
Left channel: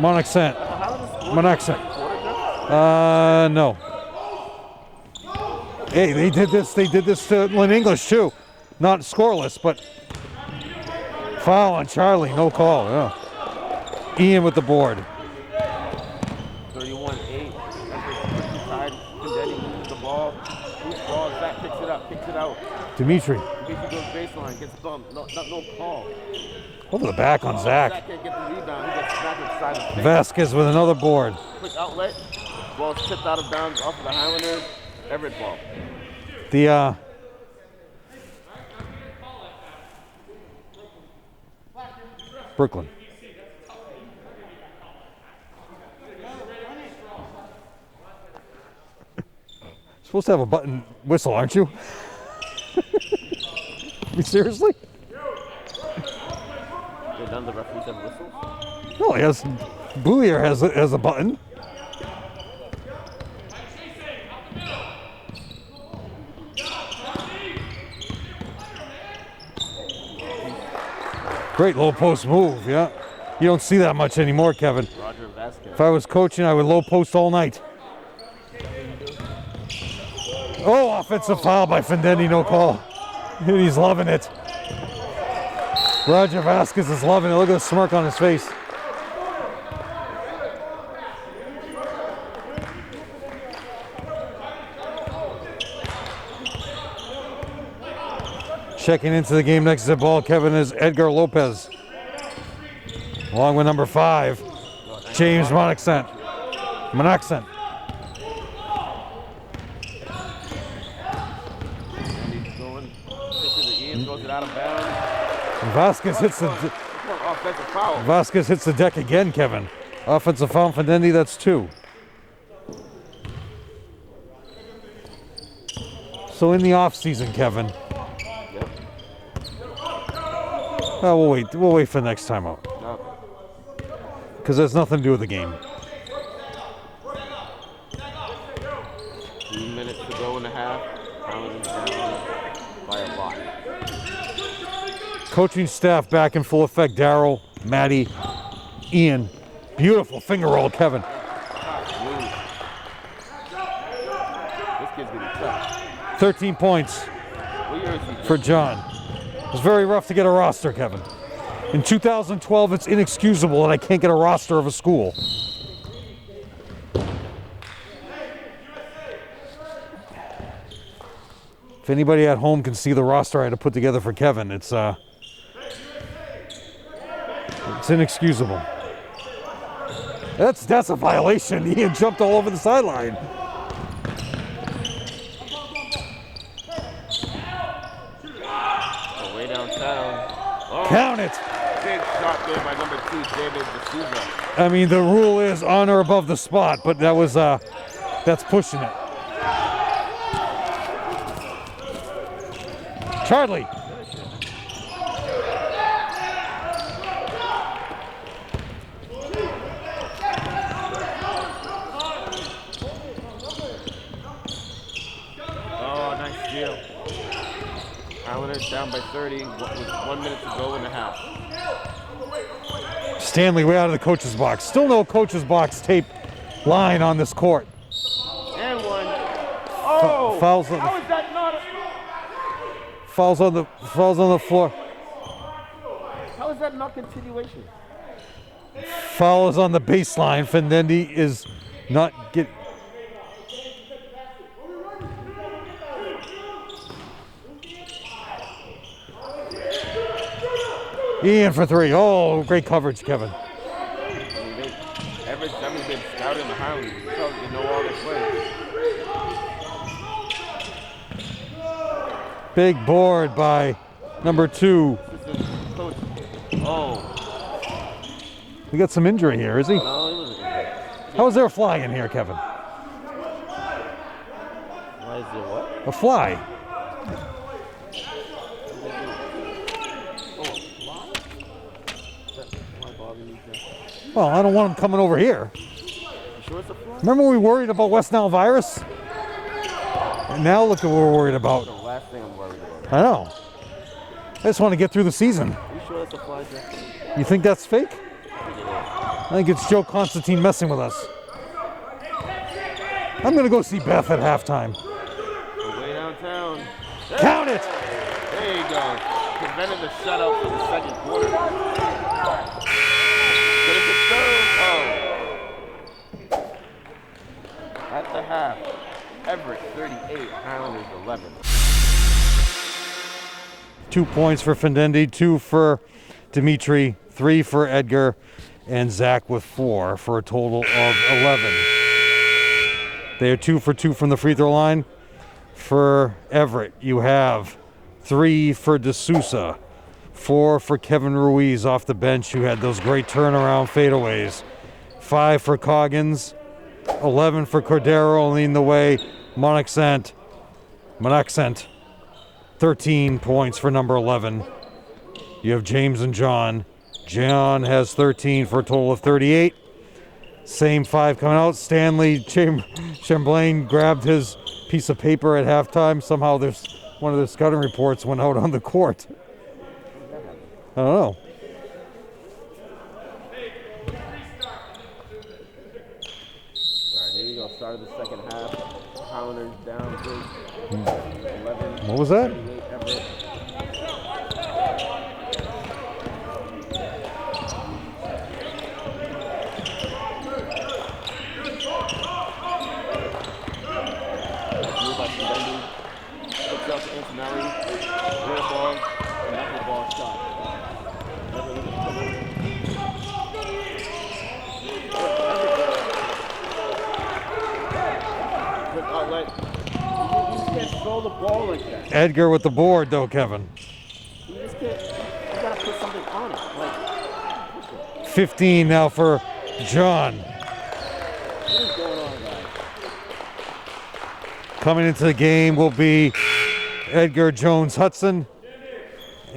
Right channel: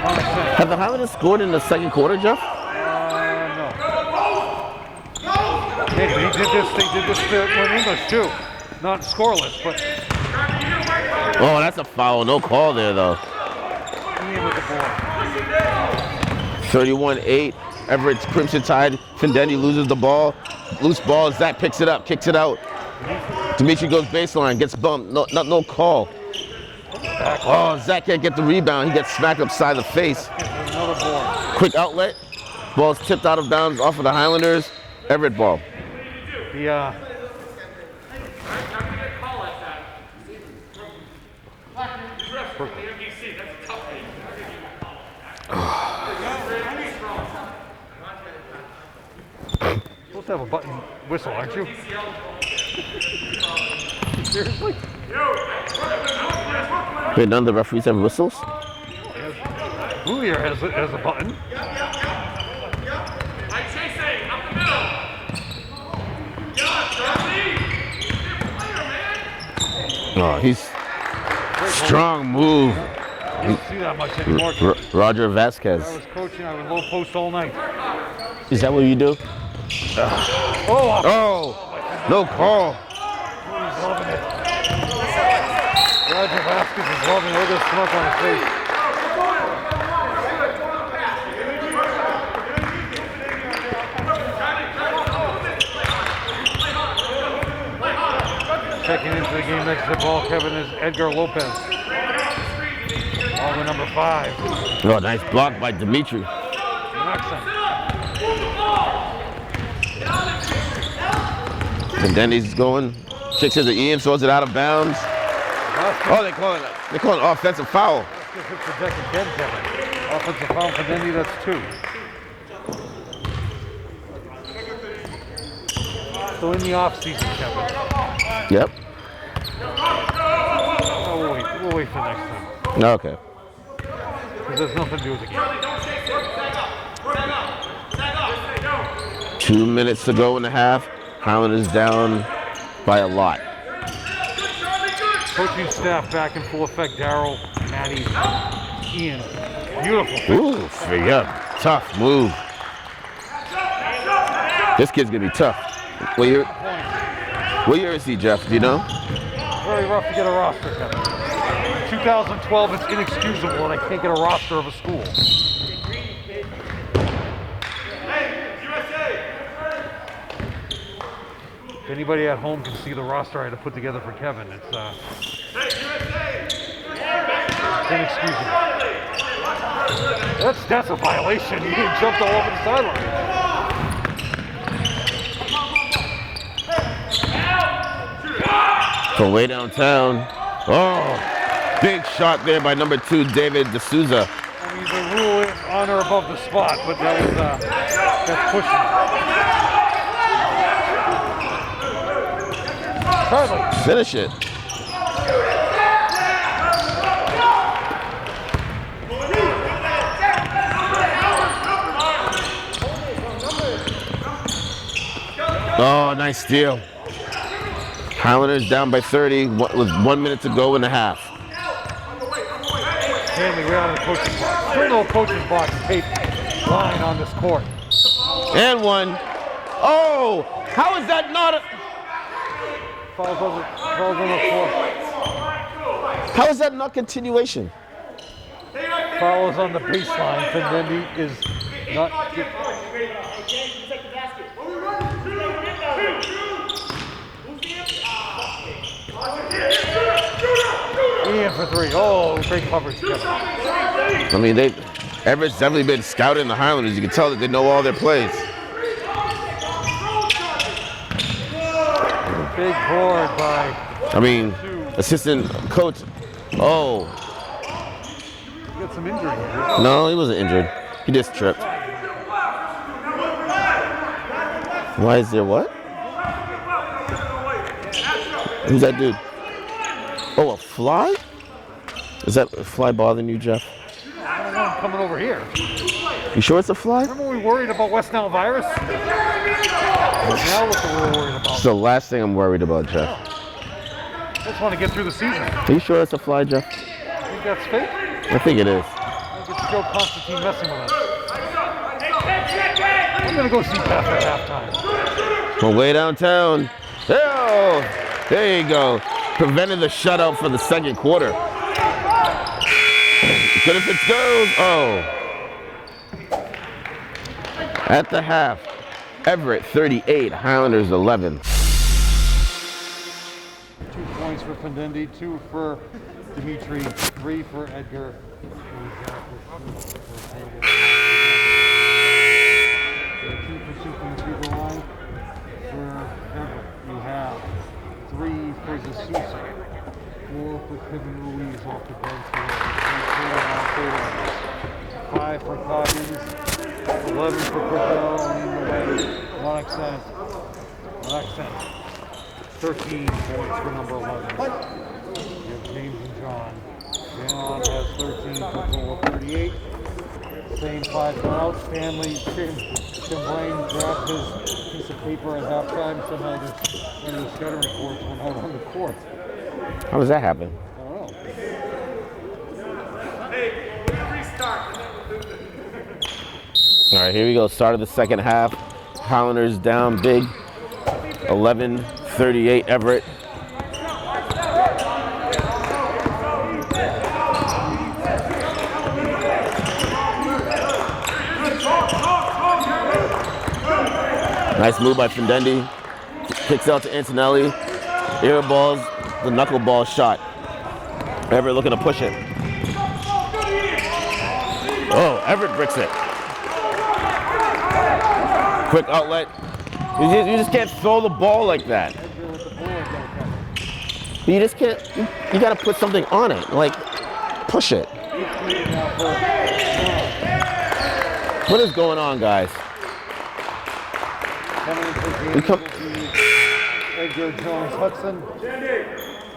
Monixon. Have the Highlanders scored in the second quarter, Jeff? No. They did this. They did this in English too. Not scoreless, but. Oh, that's a foul. No call there, though. Ian with the board. 31-8. Everett's Crimson Tide. Findetti loses the ball. Loose ball. Zach picks it up, kicks it out. Dimitri goes baseline, gets bumped. No call. Look at the back of Zach Zach. can't get the rebound. He gets smacked upside the face. Vasquez with another board. Quick outlet. Ball's tipped out of bounds off of the Highlanders. Everett ball. The Brooklyn. Supposed to have a button whistle, aren't you? You seriously? Wait, none of the referees have whistles? No, he has. Boulier has a button. Oh, he's Great low strong post move. Yeah. You don't see that much anymore, Kevin. Roger Vasquez. If I was coaching, I would low post all night. Is that what you do? Oh, offensive foul by Findetti, no call. He's loving it. Roger Vasquez is loving it. Look at the smirk on his face. Checking into the game next to the ball, Kevin, is Edgar Lopez. Along with number 5, Oh, nice James block by Monaxon. Dimitri. Monaxon. And then he's going, kicks it to Ian, throws it out of bounds. Vasquez hits They call it offensive foul. Vasquez hits the deck again, Kevin. Offensive foul for Dindy, that's 2. So in the off season, Kevin. Yep. Oh, we'll wait for the next time out. Okay. Because there's nothing to do with the game. 2 minutes to go in the half. Highlanders down by a lot. Coaching staff back in full effect. Daryl, Maddie, Ian. Beautiful finger roll, Kevin. Yeah, tough move. This kid's gonna be tough. 13 points. What year is he, Jeff? For Do you know? It's very rough to get a roster, Kevin. In 2012, it's inexcusable, and I can't get a roster of a school. If anybody at home can see the roster I had to put together for Kevin, it's inexcusable. That's a violation. He jumped all over the sideline. From way downtown. Oh, big shot there by number 2, David D'Souza. I mean, the rule is on or above the spot, but that's pushing it. Charlie. Finish it. Oh, nice steal. Highlanders down by 30 with 1 minute to go in the half. Stanley way out of the coach's box. Still no coach's box tape line on this court. And one. Oh, Fouls on- how is that not? Falls on the floor. How is that not continuation? Foul is on the baseline. Findendi is not get. In for 3. Oh, great coverage, Kevin. I mean, Everett's definitely been scouting the Highlanders. You can tell that they know all their plays. Big board by number 2. Assistant coach. Oh. He got some injury here, is he? No, he wasn't injured. He just How is there a tripped. flag in here, Kevin? Why is there what? A flag. Who's that dude? Oh, a fly? Is that a fly bothering you, Jeff? Well, I don't want him coming over here. You sure it's a fly? Remember when we worried about West Nile virus? Now look what we're worried about. It's the last thing I'm worried about, I Jeff. know. I just want to get through the season. Are you sure it's a fly, Jeff? You think that's fake? I think it is. I think it's Joe Constantine messing with us. I'm going to go see Beth at halftime. From way downtown. Oh, there you go. Prevented the shutout for the second quarter. Good if it goes. Oh. At the half, Everett 38, Highlanders 11. 2 points for Findendi, 2 for Dimitri, 3 for Edgar, and Zach with 4 for a total of 11. They are 2 for 2 from the free throw line. For Everett, you have 3 for D'Souza, 4 for Kevin Ruiz off the bench. You had those great turnaround fadeaways. 5 for Coggins, 11 for Cordero leading the way. Monaxent, 13 points for number 11. You have James and John. John has 13 for a total of 38. Same 5 coming out. Stanley Chamberlain grabbed his piece of paper at halftime. Somehow there's one of the scouting reports went out on the court. How does that happen? I don't know. All right, here we go. Start of the second half. Highlanders down big. 11-38 Everett. Nice move by Findendi. Kicks out to Antonelli. Air balls, the knuckleball shot. Everett looking to push it. Oh, Everett bricks it. Quick outlet. You just can't throw the ball like that. Edgar with the board though, Kevin. You just can't, you gotta put something on it. Like, push it. 15 now for John. What is going on, guys? Coming into the game will be Edgar Jones-Hudson.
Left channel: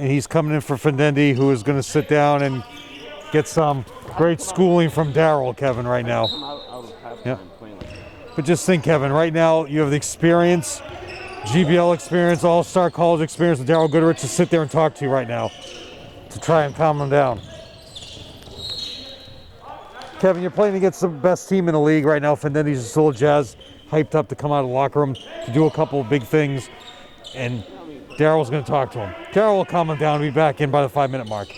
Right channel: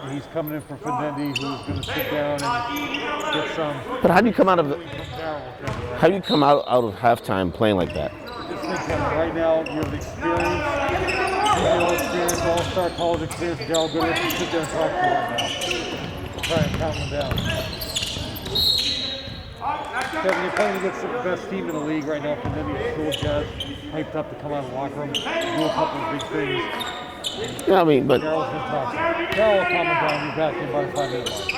And he's coming in for Findendi, who is going to sit down and get some great schooling from Daryl, Kevin, right now. How do you come out of halftime playing like that? But just think, Kevin, right now you have the experience, GBL experience, all-star college experience, and Daryl Goodrich to sit there and talk to you right now to try and calm them down. Kevin, you're playing against the best team in the league right now. Findendi's still Jazz, hyped up to come out of the locker room, do a couple of big things. And yeah, I mean, but Daryl's going to talk to him. Daryl will calm him down and be back in by the 5-minute mark.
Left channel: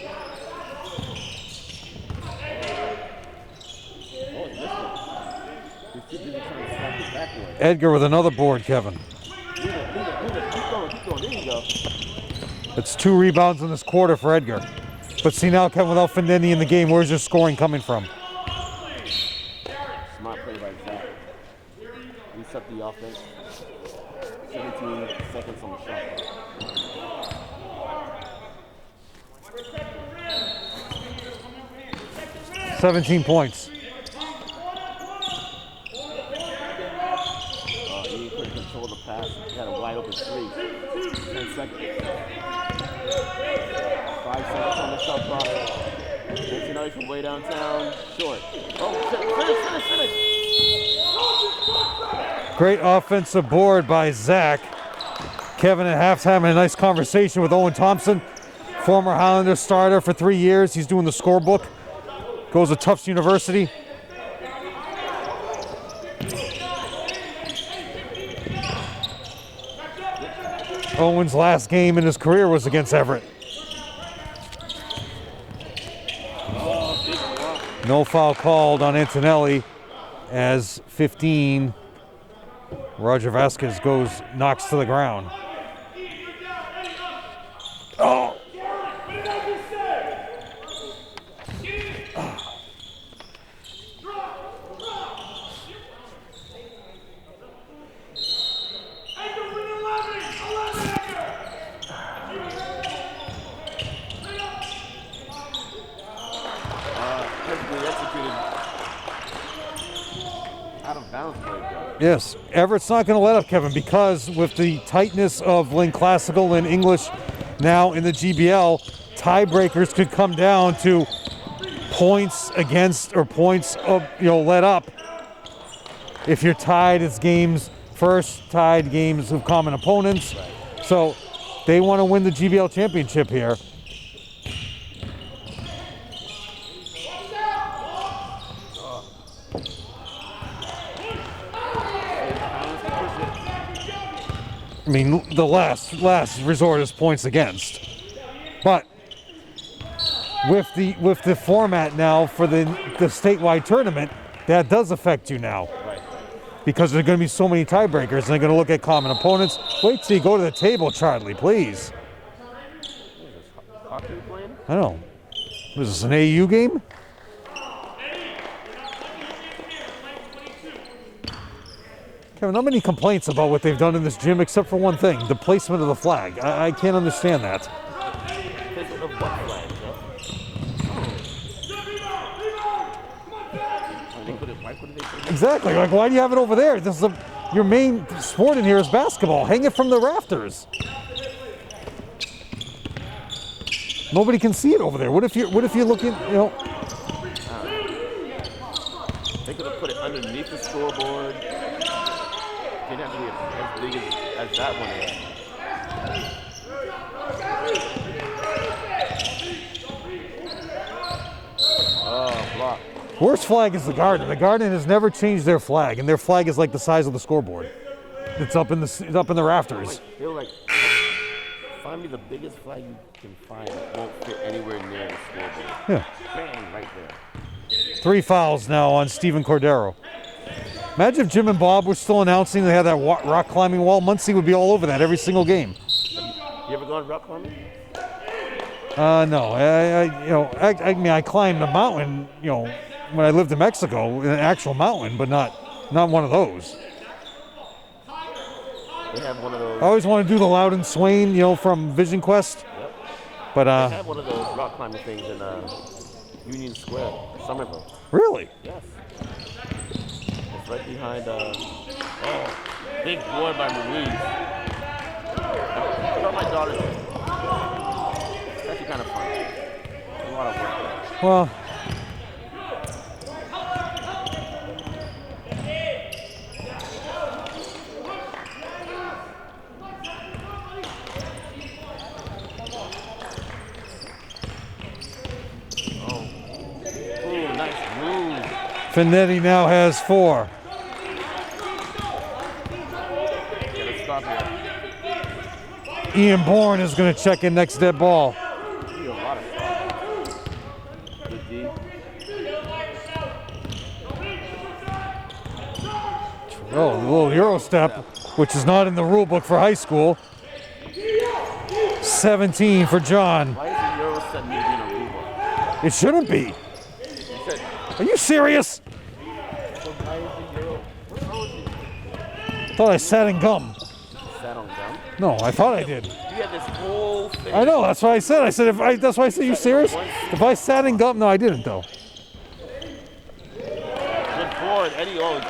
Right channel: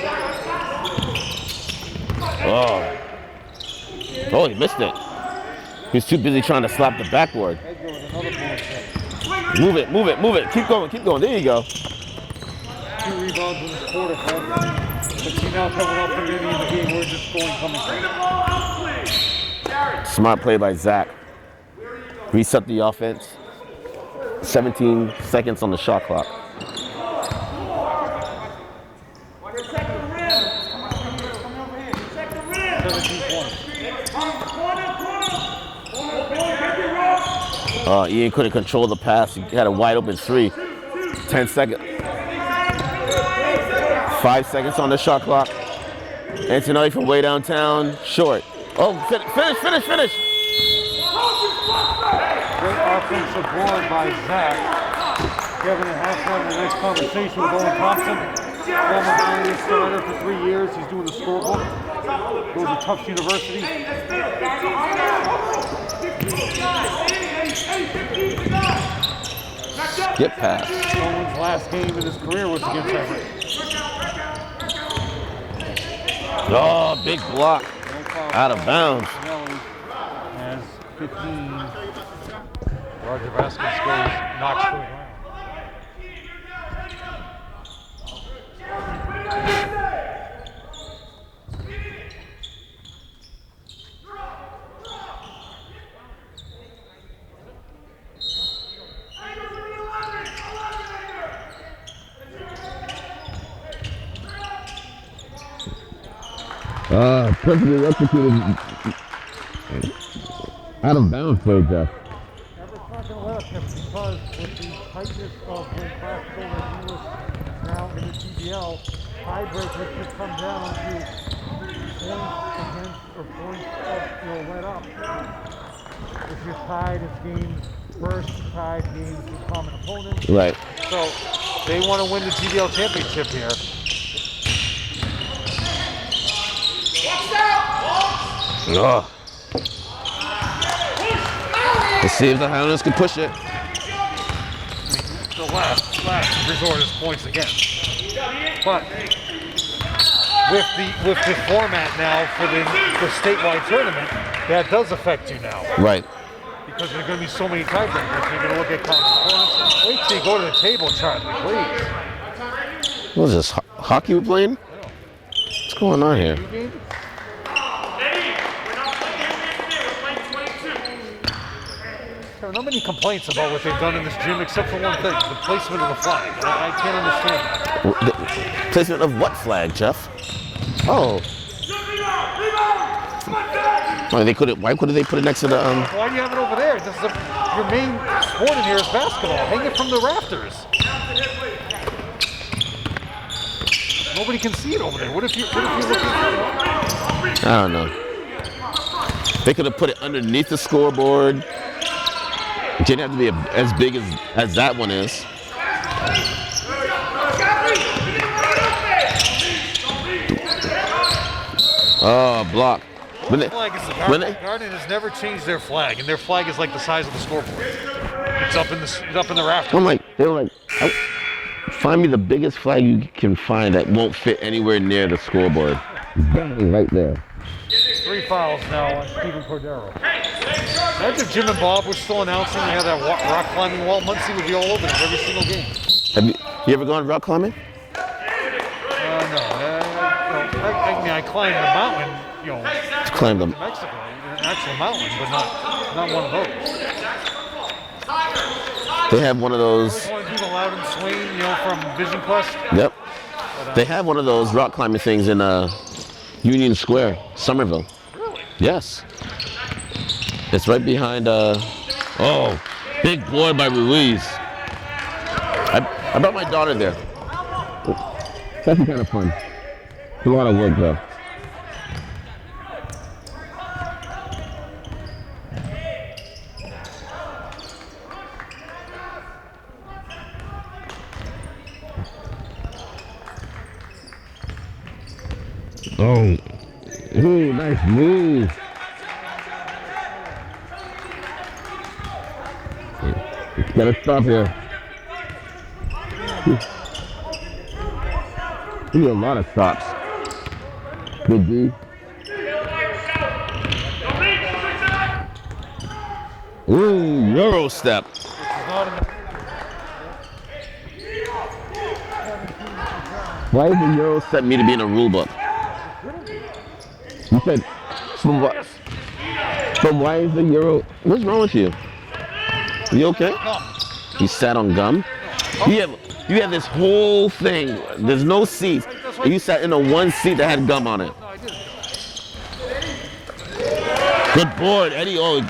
Oh, he missed it. He's too busy trying to slap the backboard. Edgar with another board, Kevin. Move it, move it, move it. Keep going, keep going. There you go. It's 2 rebounds in this quarter for Edgar. But see now, Kevin, without Findendi in the game, where's your scoring coming from? Smart play by Zach. Reset the offense. 17 seconds on the shot clock. $17 points. Ian couldn't control the pass. He had a wide open 3. 10 seconds. 5 seconds on the shot clock. Antonelli from way downtown. Short. Oh, finish. Great offensive board by Zach. Kevin at halftime had a nice conversation with Owen Thompson, former Highlanders starter for 3 years. He's doing the scorebook. Goes to Tufts University. Skip pass. Owen's last game in his career was against Everett. Oh, big block. No foul called on Antonelli as 15. Roger Vasquez knocks to the ground. Oh. Perfectly executed. Out of bounds for Jeff. Yes, Everett's not going to let up, Kevin, because with the tightness of Lynn Classical and English now in the GBL, tiebreakers could come down to points against or points of, let up. If you're tied, it's games first, tied games of common opponents. Right. So they want to win the GBL championship here. Oh. Let's see if the Highlanders can push it. I mean, the last resort is points against. But with the format now for the statewide tournament, that does affect you now. Right. Because there's going to be so many tiebreakers, and they're going to look at common opponents. Wait till you go to the table, Charlie, please. What is this, hockey we're playing? I don't know. What's going on here? here? Is this an AU game? There are not many complaints about what they've done in this gym except for one thing, the placement of the flag. I can't understand that. The placement of what flag, Jeff? Oh. Why couldn't they put it next to the... Why do you have it over there? This is your main sport in here is basketball. Hang it from the rafters. Nobody can see it over there. What if you're looking, I don't know. They could have put it underneath the scoreboard. It didn't have to be as big as that one is. Oh, block. Whose flag is the Garden? The Garden has never changed their flag, and their flag is like the size of the scoreboard. It's up in the rafters. They were like, find me the biggest flag you can find that won't fit anywhere near the scoreboard. Bang, right there. 3 fouls now on Steven Cordero. Imagine if Jim and Bob were still announcing they had that rock climbing wall. Muncie would be all over that every single game. Have you ever gone rock climbing? No. I climbed the mountain, when I lived in Mexico, an actual mountain, but not one of those. They have one of those. I always want to do the Loudon Swain, from Vision Quest. Yep. But they have one of those rock climbing things in Union Square, Somerville. Really? Yes. It's right behind. Big boy by Ruiz. I brought my daughter there. That'd be kind of fun. It's a lot of work, though. Well, Oh. Ooh, nice move. Finetti now has 4. Gotta stop here. Ian Bourne is going to check in next to that ball. He need a lot of stops. Good D. Ooh, Euro step. Which is not in the rule book for high school. 17 for John. Why does the Euro step need to be in a rule book? It shouldn't be. You said, Are you serious? but why is the Euro? What's wrong with you? Oh, I You sat okay? in gum. You sat on gum? No, I thought I did. You had this whole thing. I know, that's why There's I no said. That's why I you said, sat in the one seat that had gum on it. No, I didn't though. Good board, Eddie. Oh,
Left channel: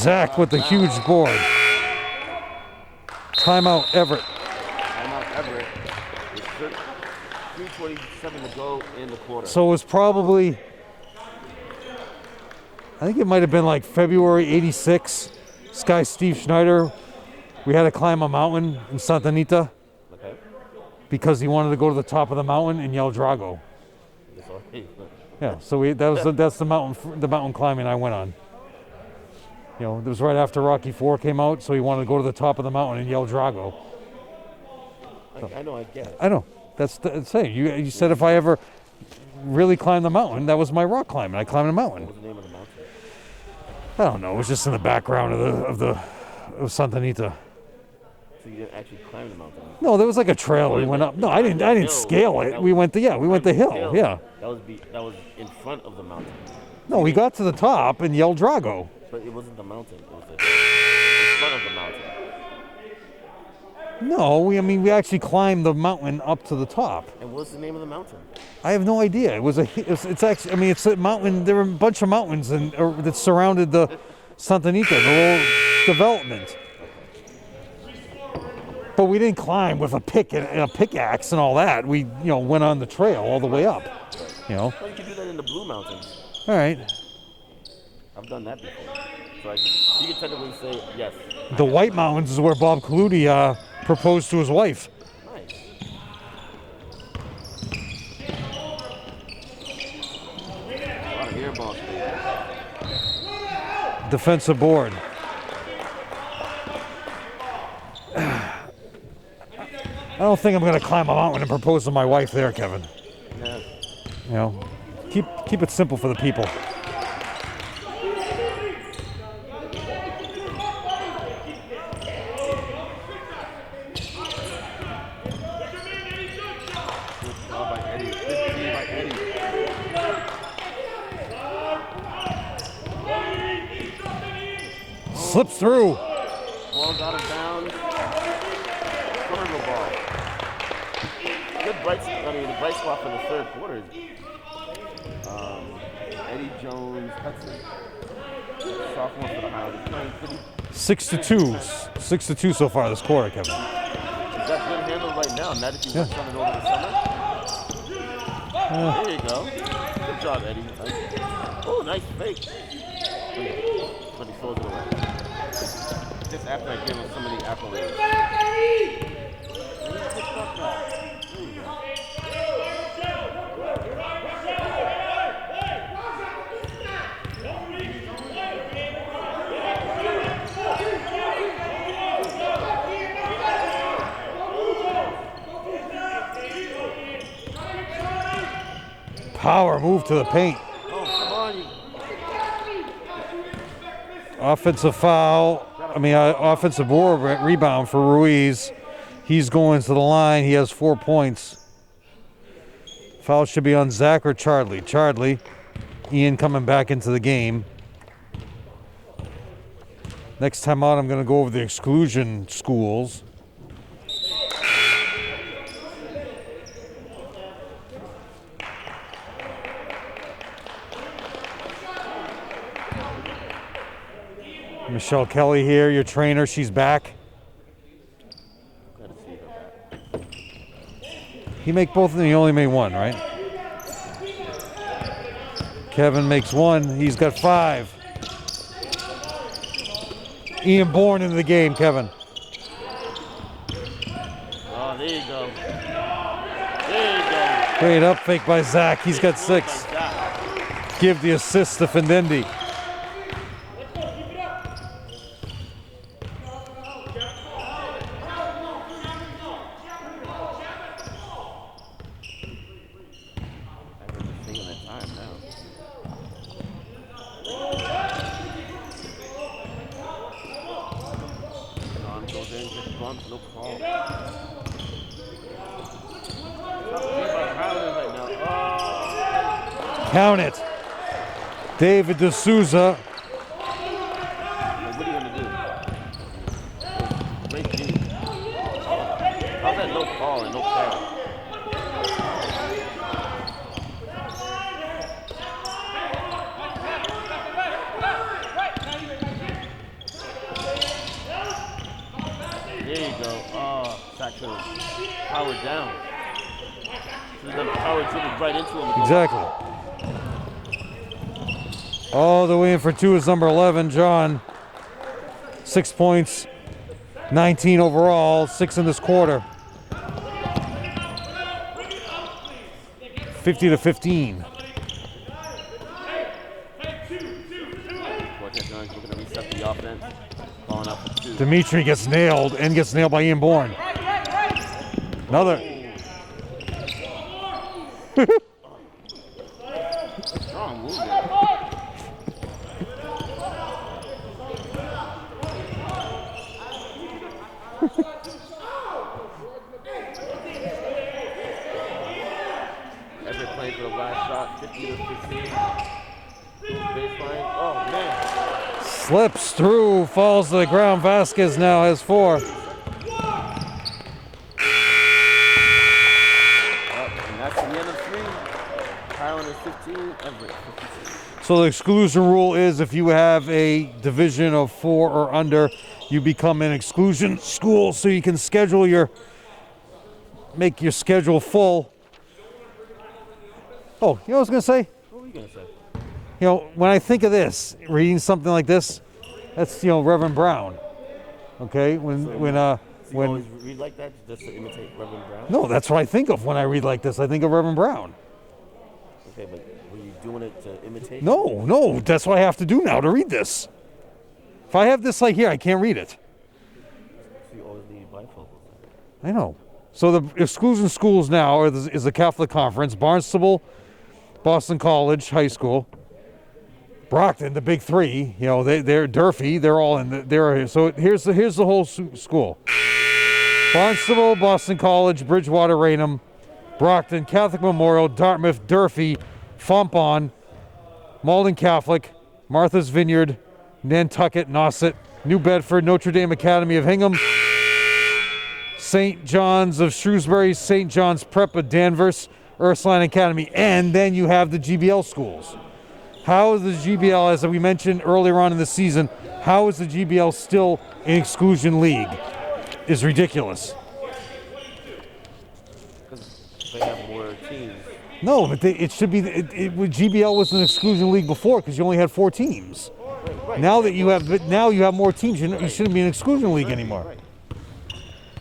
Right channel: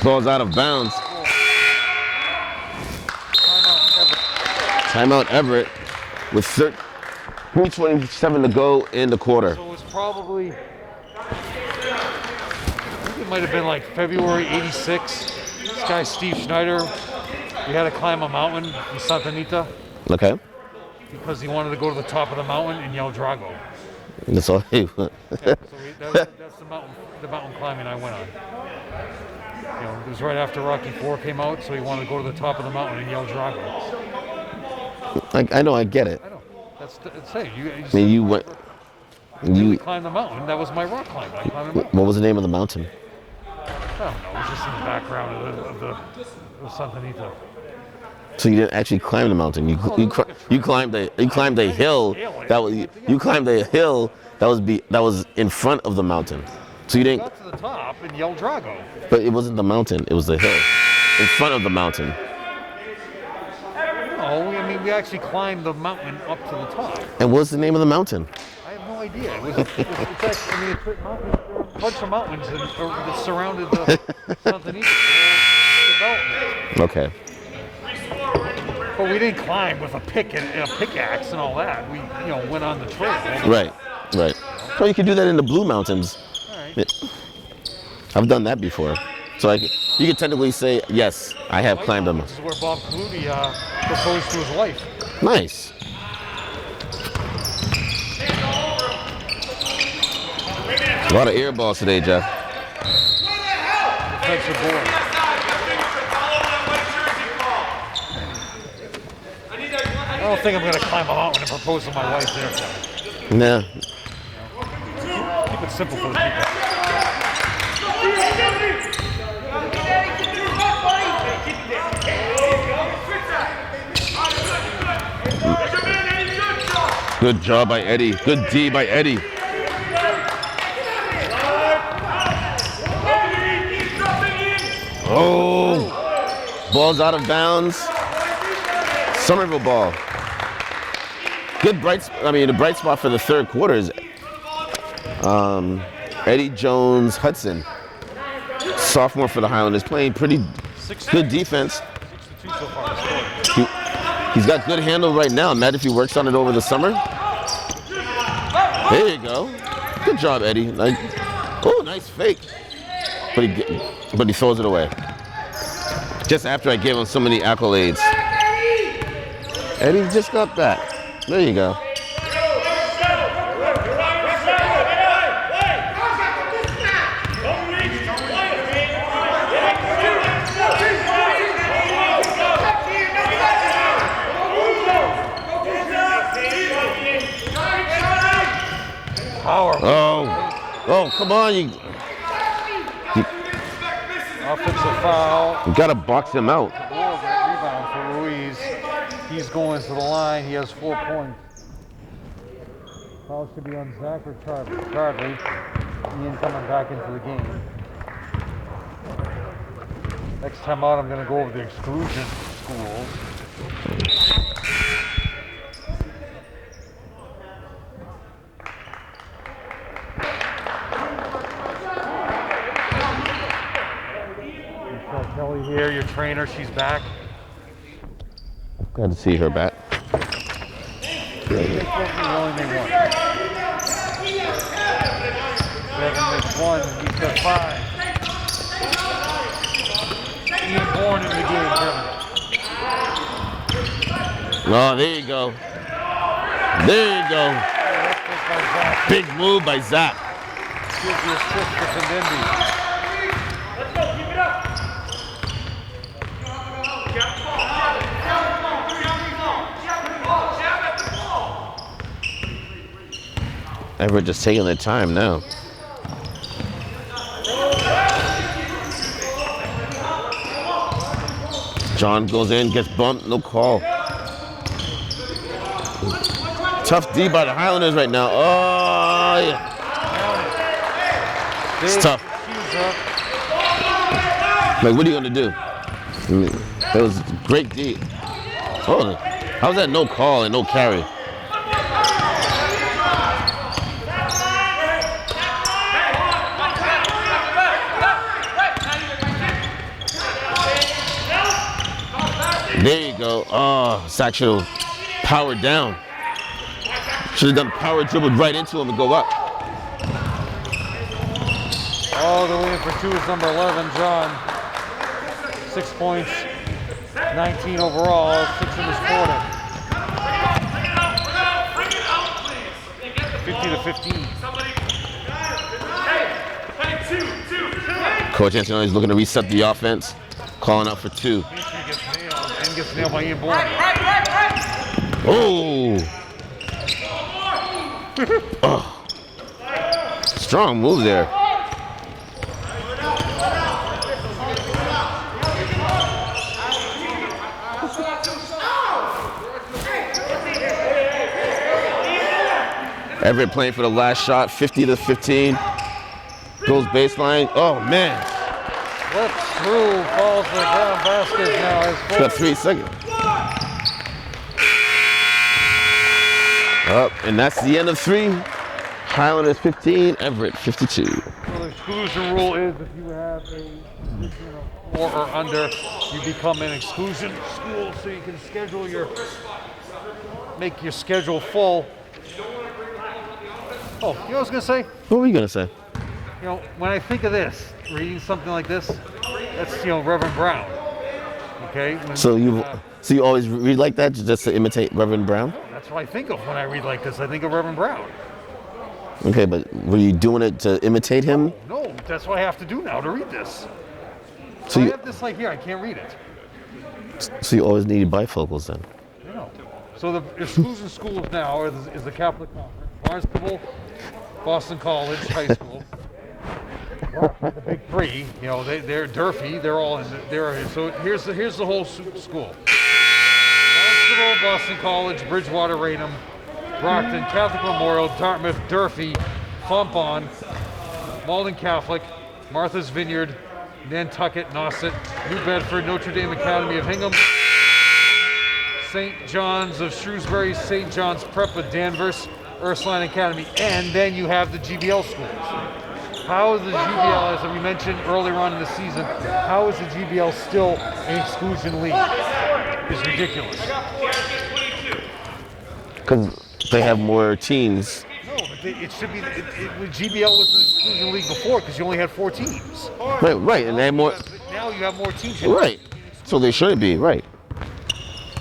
Zach out with of the bounds. huge board. Timeout Everett. Timeout Everett with 3:27 to go in the quarter. So it was probably, I think it might have been like February '86. This guy Steve Schneider, we had to climb a mountain in Santa Anita Okay. because he wanted to go to the top of the mountain and yell Drago. That's all. Yeah, so that's the mountain climbing I went on. You know, it was right after Rocky IV came out, so he wanted to go to the top of the mountain and yell Drago. I know, I get it. I know. That's the thing. You said if I ever really climbed the mountain, that was my rock climbing. I climbed the mountain. What was the name of the mountain? I don't know. It was just in the background of Santa Anita. So you didn't actually climb the mountain. You, No, there was like a trail. You climbed we went the, up. you climbed I the didn't hill. scale it. That We was- went the You climbed the hill. Yeah. That was in front of the mountain. So No, you we didn't, got to the top and yelled Drago. but it wasn't the mountain. It was the hill in front of the mountain. No, we actually climbed the mountain up to the top. And what's the name of the mountain? I have no idea. It's actually, it's a mountain. There were a bunch of mountains that surrounded the Santa Anita, the whole development. Okay. But we didn't climb with a pickaxe and all that. We, went on the trail all the way Right. up. Right. You know? So you could do that in the Blue Mountains. All right. I've done that before. So you could technically say, yes, I The have White climbed them. Mountains is where Bob Clutie proposed to his wife. Nice. A lot of air balls today, Jeff. Defensive board. I don't think I'm going to climb a mountain and propose to my wife there, Kevin. Nah. Keep it simple for the people. Good job by Eddie. Good D by Eddie. Slip through. Ball's out of bounds. Somerville ball. Good the bright spot for the third quarter is Eddie Jones Hudson, sophomore for the Highlanders, playing pretty 6-2. good defense. 6-2 so far this quarter. He's got good handle right now. Imagine if he works on it over the summer. There you go. Good job, Eddie. Nice fake. But he throws it away. Just after I gave him so many accolades. Eddie just got back. There you go. Power move to the paint. Oh, come on. Offensive foul. You gotta box him out. Offensive board rebound for Ruiz. He's going to the line. He has 4 points. Foul should be on Zach or Charlie. Charlie. Ian coming back into the game. Next time out, I'm going to go over the exclusion schools. Michelle Kelly here, your trainer. She's back. Glad to see her back. You make both of them, you only made one, right? Kevin makes one, he's got 5. Ian Bourne in the game, Kevin. Oh, there you go. There you go. Great up fake by Zach. He's Big got move 6. by Zach. Give the assist to Findembi. Let's go, keep it up. Jab at the ball. Everett just taking their time now. John goes in, gets bumped, no call. Tough D by the Highlanders right now. Oh, yeah. Count it. David tough. D'Souza. Like, what are you gonna do? That was great D. Oh, how was that no call and no carry? There you go. Oh, Satchel powered down. Should have done power dribbled right into him and go Exactly. up. All the way in for 2 is number 11, John. 6 points, 19 overall, 6 in this quarter. 50-15. Coach Antonelli is looking to reset the offense, calling out for 2. Dimitri gets nailed and gets nailed by Ian Bourne. Oh. Oh. Strong move there. Everett playing for the last shot, 50-15. Goes baseline. Oh, man. Slips through, falls to the ground. Vasquez now has 4. Got 3 seconds. Up, and that's the end of 3. Highlanders 15, Everett 52. So the exclusion rule is if you have a division of 4 or under, you become an exclusion school, so you can schedule make your schedule full. Oh, you know what I was gonna say? What were you gonna say? You know, when I think of this, reading something like this, that's, you know, Reverend Brown. Okay? So you always read like that just to imitate Reverend Brown? No, that's what I think of when I read like this. I think of Reverend Brown. Okay, but were you doing it to imitate him? No, that's what I have to do now to read this. So I have this like here, I can't read it. So you always needed bifocals then? I know. So the exclusion schools now is the Catholic Conference, Barnstable, Boston College High School, Brockton, the big 3. You know, they're Durfee. They're all in there. So here's the whole school: Barnstable, Boston College, Bridgewater, Raynham, Brockton, Catholic Memorial, Dartmouth, Durfee, Fontbonne, Malden Catholic, Martha's Vineyard, Nantucket, Nauset, New Bedford, Notre Dame Academy of Hingham, St. John's of Shrewsbury, St. John's Prep of Danvers, Ursuline Academy, and then you have the GBL schools. How is the GBL, as we mentioned earlier on in the season, how is the GBL still an exclusion league? It's ridiculous. Because they have more teams. No, but it should be. GBL was an exclusion league before because you only had 4 teams. Right. Now, And now you have more teams. It right. shouldn't be an So exclusion they league should be, anymore. right.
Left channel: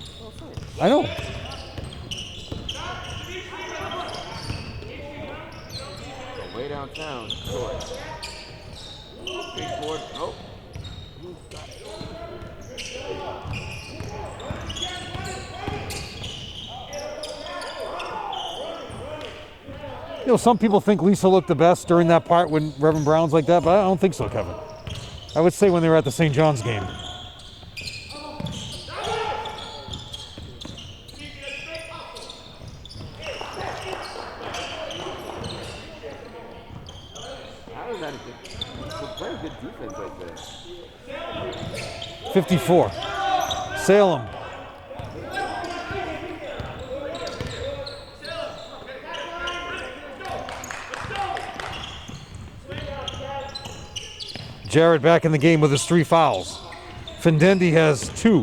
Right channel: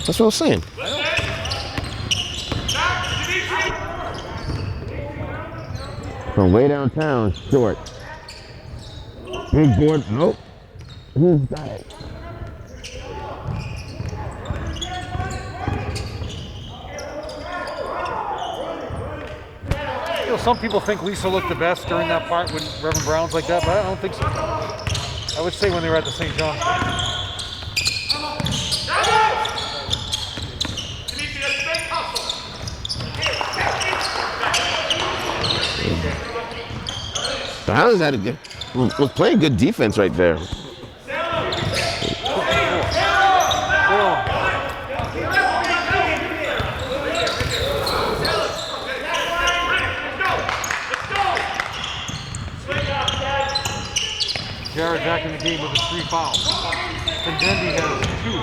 That's what I was saying. I know. From way downtown, short. Here's board. Nope. Who's got it? You know, some people think Lisa looked the best during that part when Reverend Brown's like that, but I don't think so, Kevin. I would say when they were at the St. John's game. The Highlanders had was playing good defense right there. 54. Salem. Jared back in the game with his 3 fouls. Findendi has 2.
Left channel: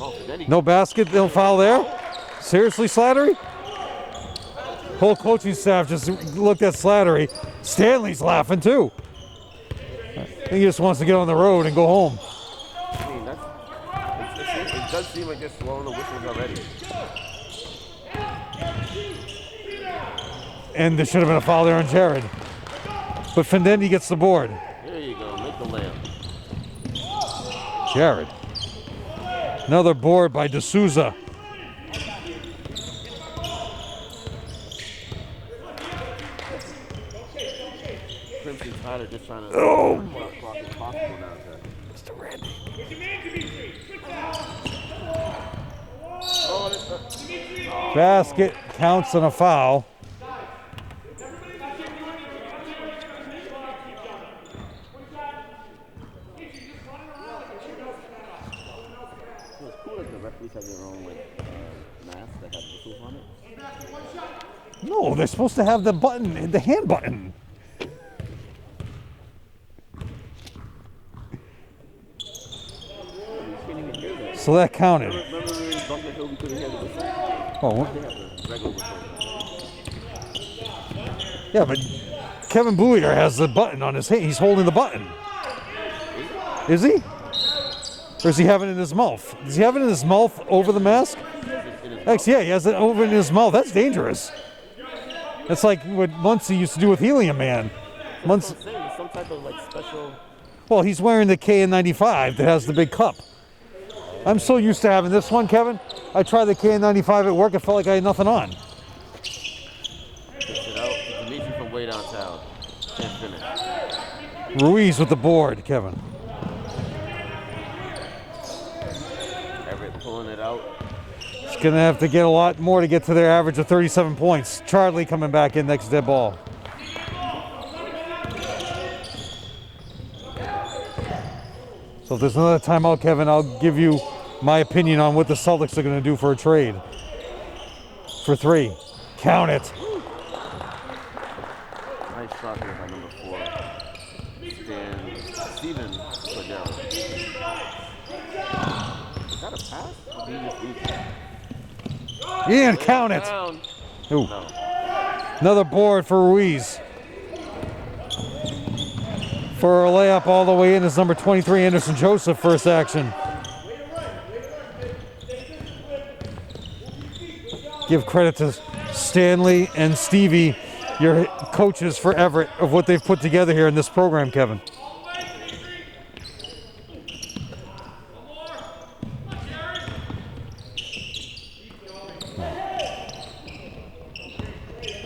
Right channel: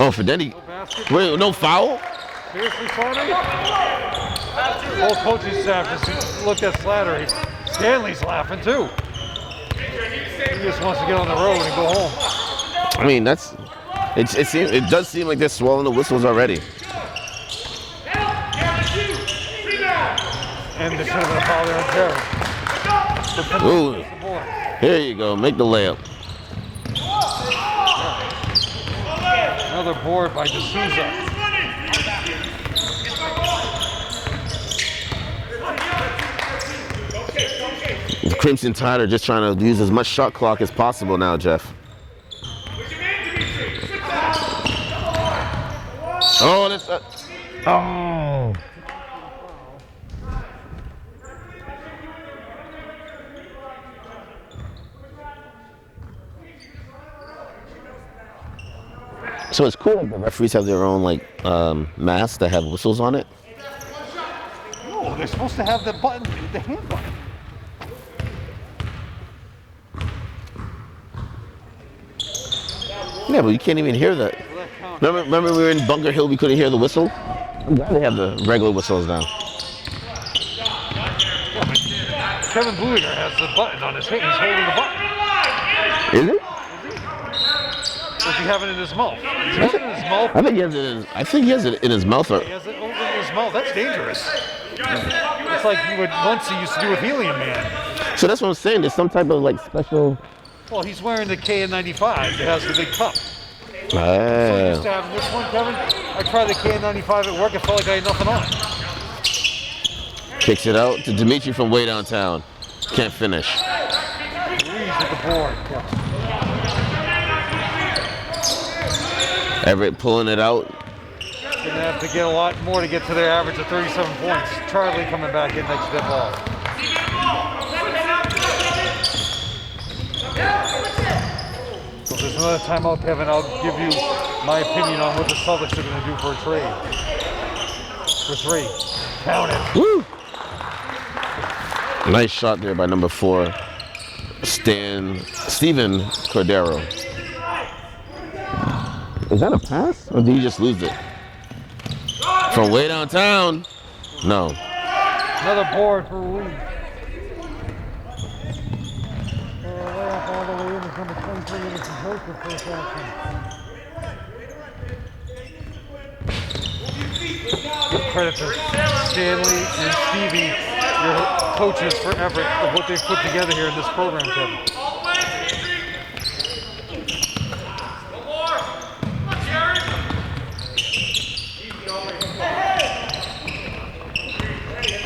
Oh, Fidendi. No basket, Wait, foul no there. foul? Seriously, Slattery? Whole coaching staff just looked at Slattery. Stanley's laughing too. He just wants to get on the road and go home. I mean, it does seem like they're swallowing the whistles already. And there should have been a foul there on Jared. But Findendi gets the board. Here you go, make the layup. Jared. Another board by D'Souza. The Crimson Tide are just trying to use as much shot clock as possible now, Jeff. Oh, that's Basket counts on a foul. So it's cool that the referees have their own masks that have whistles on it. No, they're supposed to have the button, the hand button. Yeah, but you can't even hear that. So that counted. Remember we were in Bunker Hill, we couldn't hear the whistle? Oh, what? They have the regular whistles now. Yeah, but Kevin Boulliger has the button on his hand. He's holding the button. Is it? Is he? Or does he have it in his mouth? Does he have it in his mouth I think he over has the it mask? I think he has it in his mouth. Yeah, he has it over in his mouth. That's dangerous. It's like what Muncie used to do with Helium Man. So that's what I'm saying. There's some type of special. Well, he's wearing the KN95 that has the big cup. I'm so used to having this one, Kevin. I tried the KN95 at work. It felt like I had nothing on. Kicks it out to Dimitri from way downtown. Can't finish. Ruiz with the board, Kevin. Everett pulling it out. He's going to have to get a lot more to get to their average of 37 points. Charlie coming back in next to the ball. So if there's another timeout, Kevin, I'll give you my opinion on what the Celtics are going to do for a trade. For 3. Count it. Woo! Nice shot there by number 4, Steven Cordero. Is that a pass? Or did he just lose it? From way downtown. No. Another board for Ruiz. For a layup all the way in is number 23, Anderson Joseph, first action. Give credit to Stanley and Stevie, your coaches for Everett, of what they've put together here in this program, Kevin.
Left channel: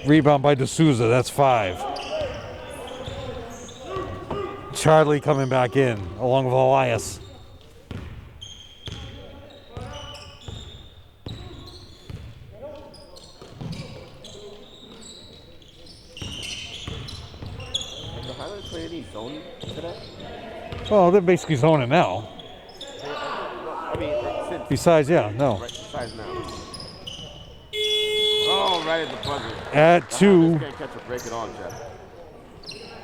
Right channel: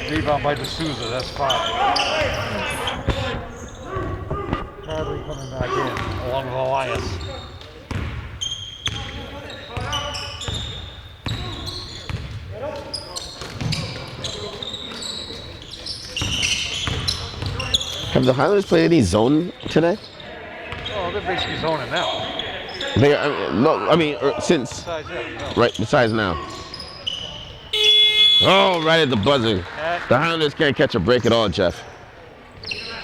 Rebound by D'Souza, that's 5. Charlie coming back in, along with Elias. Have the Highlanders played any zone today? Oh, they're basically zoning now. They, no, I mean, since. Besides, yeah, no. Right, besides now. Oh, right at the buzzer. At The 2. Highlanders can't catch a break at all, Jeff.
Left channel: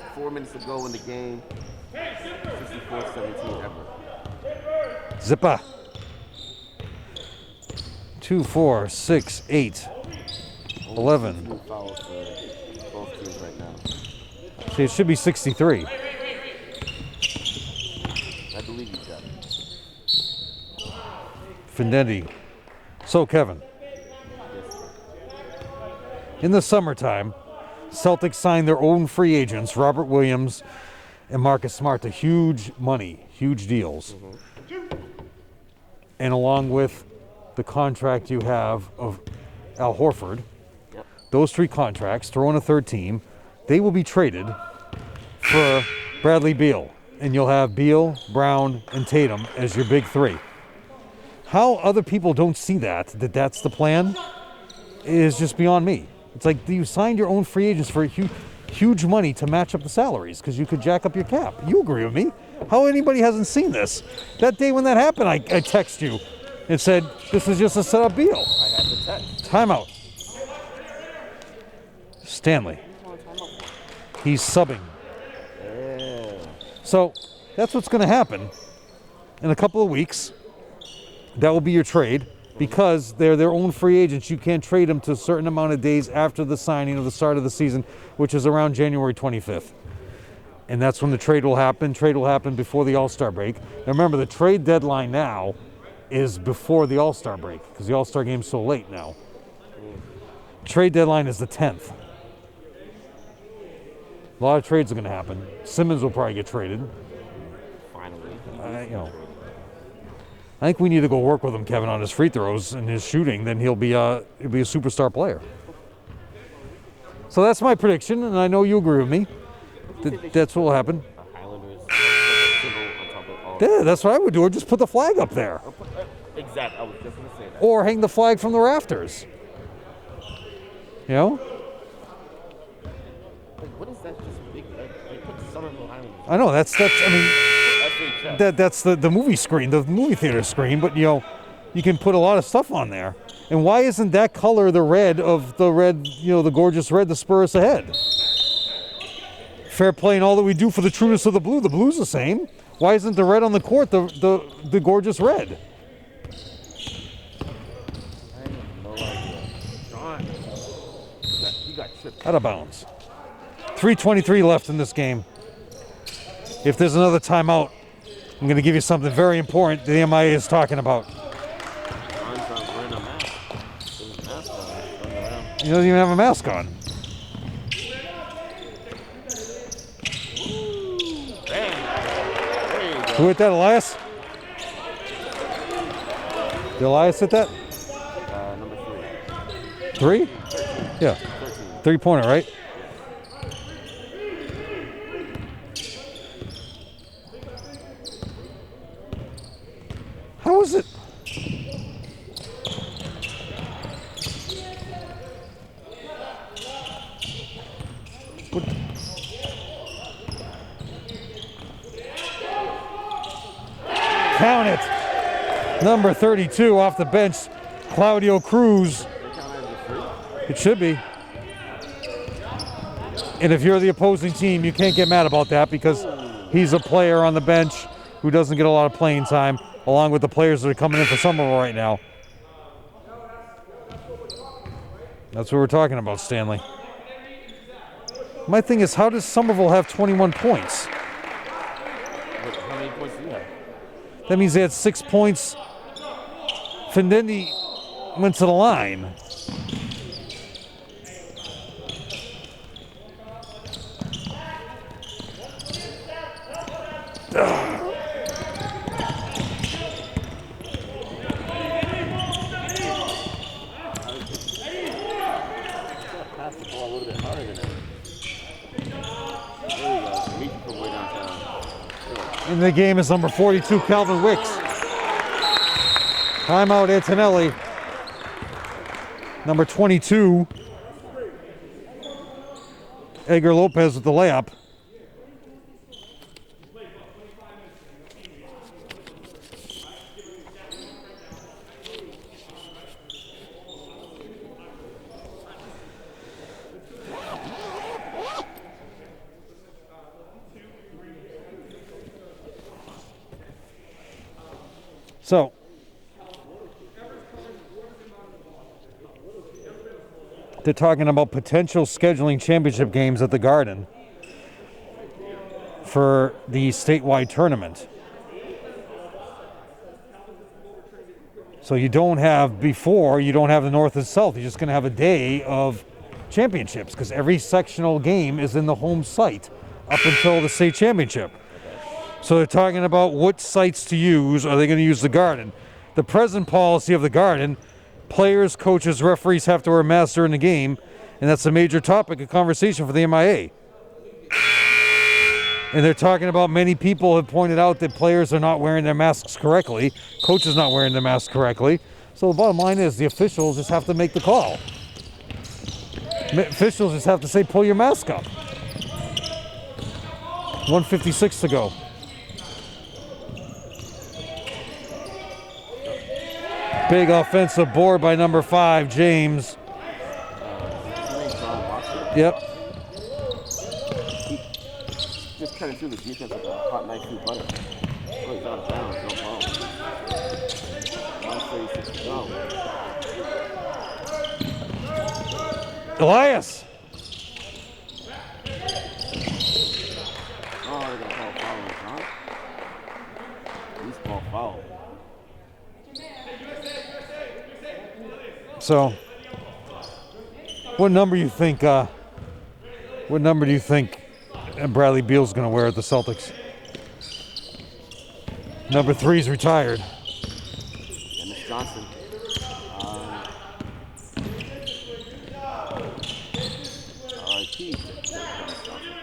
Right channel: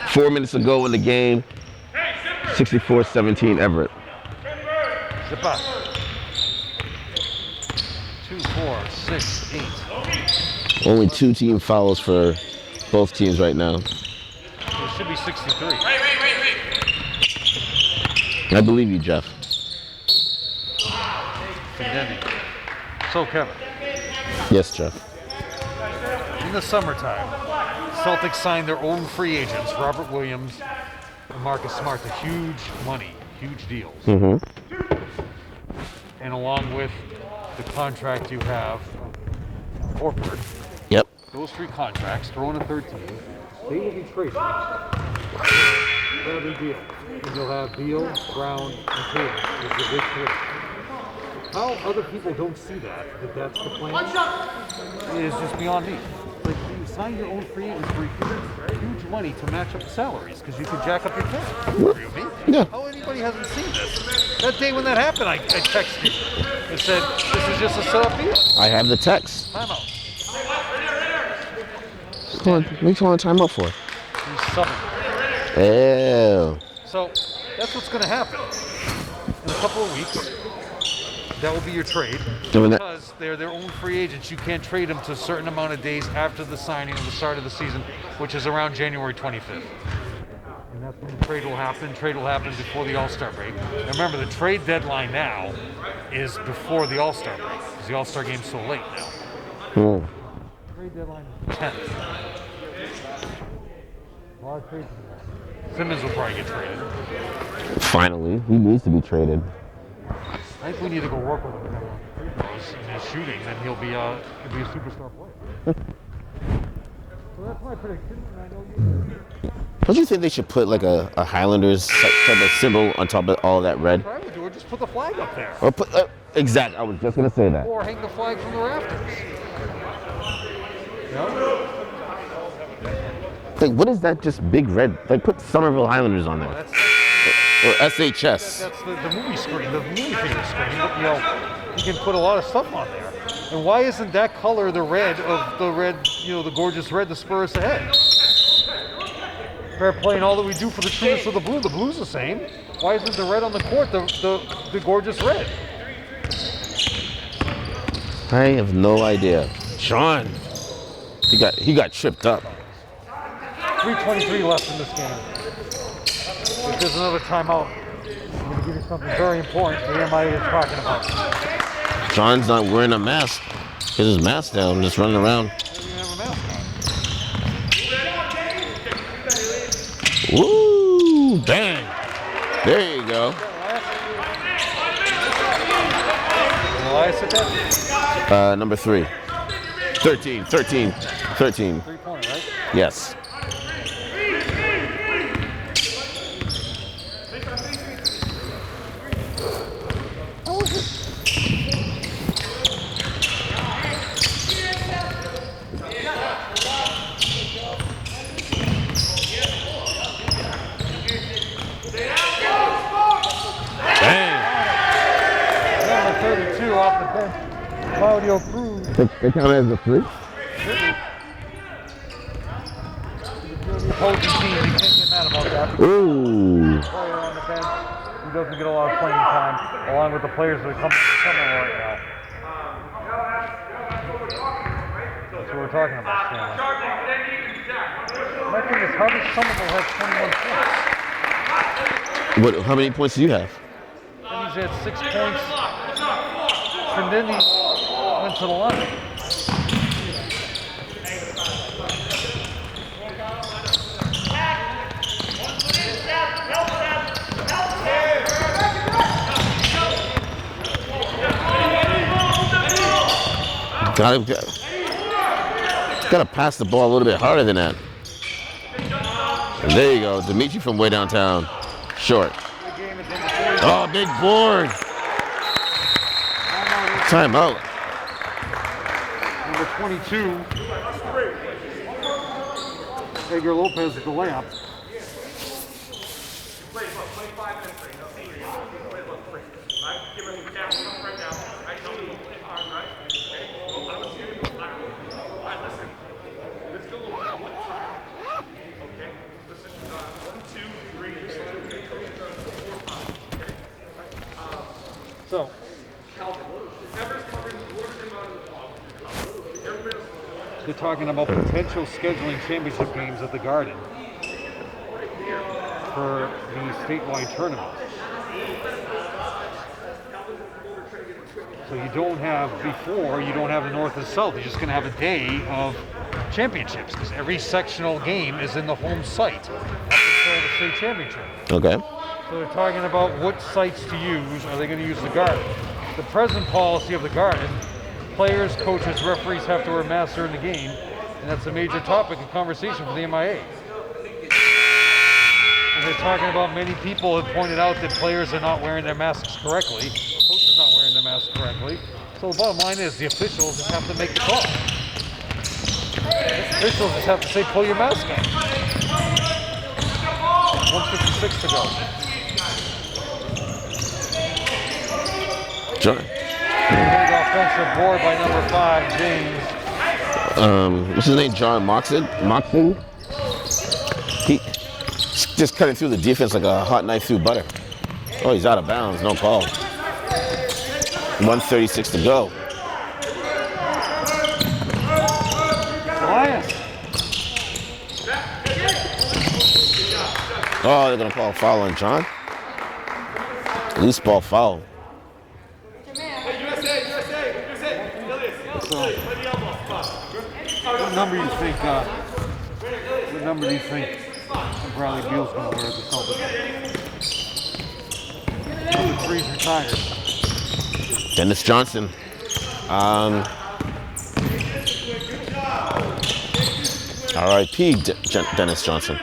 4 minutes to go in the game. 64-17 Everett. Zippa. 2, 4, 6, 8. Only 11. 2 team fouls for both teams right now. Okay, it should be 63. I believe you, Jeff. Findendi. So, Kevin, Yes, Jeff. in the summertime, Celtics signed their own free agents, Robert Williams and Marcus Smart, to huge money, huge deals. And along with the contract you have of Al Horford, Yep. those 3 contracts, throw in a third team, they will be traded for Bradley Beal. And you'll have Beal, Brown, and Tatum as your big 3. How other people don't see that's the plan, is just beyond me. It's like you signed your own free agents for huge money to match up the salaries because you could jack up your cap. You agree with me? Yeah. How anybody hasn't seen this? That day when that happened, I texted you and said, this is just a setup deal. I have the text. Timeout. Stanley. What are you calling a timeout for? He's subbing. Ew. So that's what's going to happen in a couple of weeks. That will be your trade because they're their own free agents. You can't trade them to a certain amount of days after the signing of the start of the season, which is around January 25th. And that's when the trade will happen. Trade will happen before the All-Star break. Now remember, the trade deadline now is before the All-Star break because the All-Star game's so late now. Trade deadline is the 10th. A lot of trades are going to happen. Simmons will probably get traded. Finally, he needs to be traded. I think we need to go work with him, Kevin, on his free throws and his shooting. Then he'll be a superstar player. So that's my prediction, and I know you agree with me. Don't you think they should put like a Highlanders type of symbol on top of all that red? That's what I would do. Or just put the flag up there. Or put, exactly. I was just gonna say that. Or hang the flag from the rafters. You know? Like, what is that? Just big red? Like, put Somerville Highlanders on. I know that's. I mean. Or SHS. That's the movie screen, the movie theater screen. But you know, you can put a lot of stuff on there. And why isn't that color the red of the red? You know, the gorgeous red to spur us ahead. Fair play and all that we do for the trueness of the blue. The blue's the same. Why isn't the red on the court the gorgeous red? I have no idea. Sean, he got tripped Out up. of bounds. 3:23 left in this game. If there's another timeout, I'm going to give you something very important the MIA is talking about. John's not wearing a mask. He has his mask down, just running around. He doesn't even have a mask on. Woo! Bang! There you Who go. hit that, Elias? Did Elias hit that? Number 3. Three? 13. Yeah. 13. 3-pointer, right? Yes. How is it? Count it. Number 32 off the bench, Claudio Cruz. They count it as a 3? It should be. And if you're the opposing team, you can't get mad about that because he's a player on the bench who doesn't get a lot of playing time, along with the players that are coming in for Somerville right now. That's what we're talking about, Stanley. My thing is, how does Somerville have 21 points? How many points do you have? That means they had 6 points. Findetti went to the line. Gotta pass the ball a little bit harder than that. And there you go, Dimitri from way downtown. Short. And the game is number 42, Oh, big Calvin board. Ricks. Timeout, Antonelli. Timeout. Number 22, Edgar Lopez with the layup. So, they're talking about potential scheduling championship games at the Garden for the statewide tournament. So you don't have the North and South. You're just going to have a day of championships because every sectional game is in the home site up until the state championship. Okay. So they're talking about what sites to use. Are they going to use the Garden? The present policy of the Garden, players, coaches, referees have to wear masks during the game, and that's a major topic of conversation for the MIA. And they're talking about many people have pointed out that players are not wearing their masks correctly, coaches not wearing their masks correctly. So the bottom line is the officials just have to make the call. The officials just have to say, pull your mask up. 1:56 to go. Sure. Big offensive board by number 5, James. What's his name? John Moxon? Yep. Moxon? Just cutting through the defense like a hot knife through butter. Oh, he's out of bounds. No call. 1:36 to go. Elias. Oh, they're going to call a foul on John. Loose ball foul. So, what number do you think Bradley Beal's going to wear at the Celtics? Number 3's retired. Dennis Johnson. R.I.P. Dennis Johnson.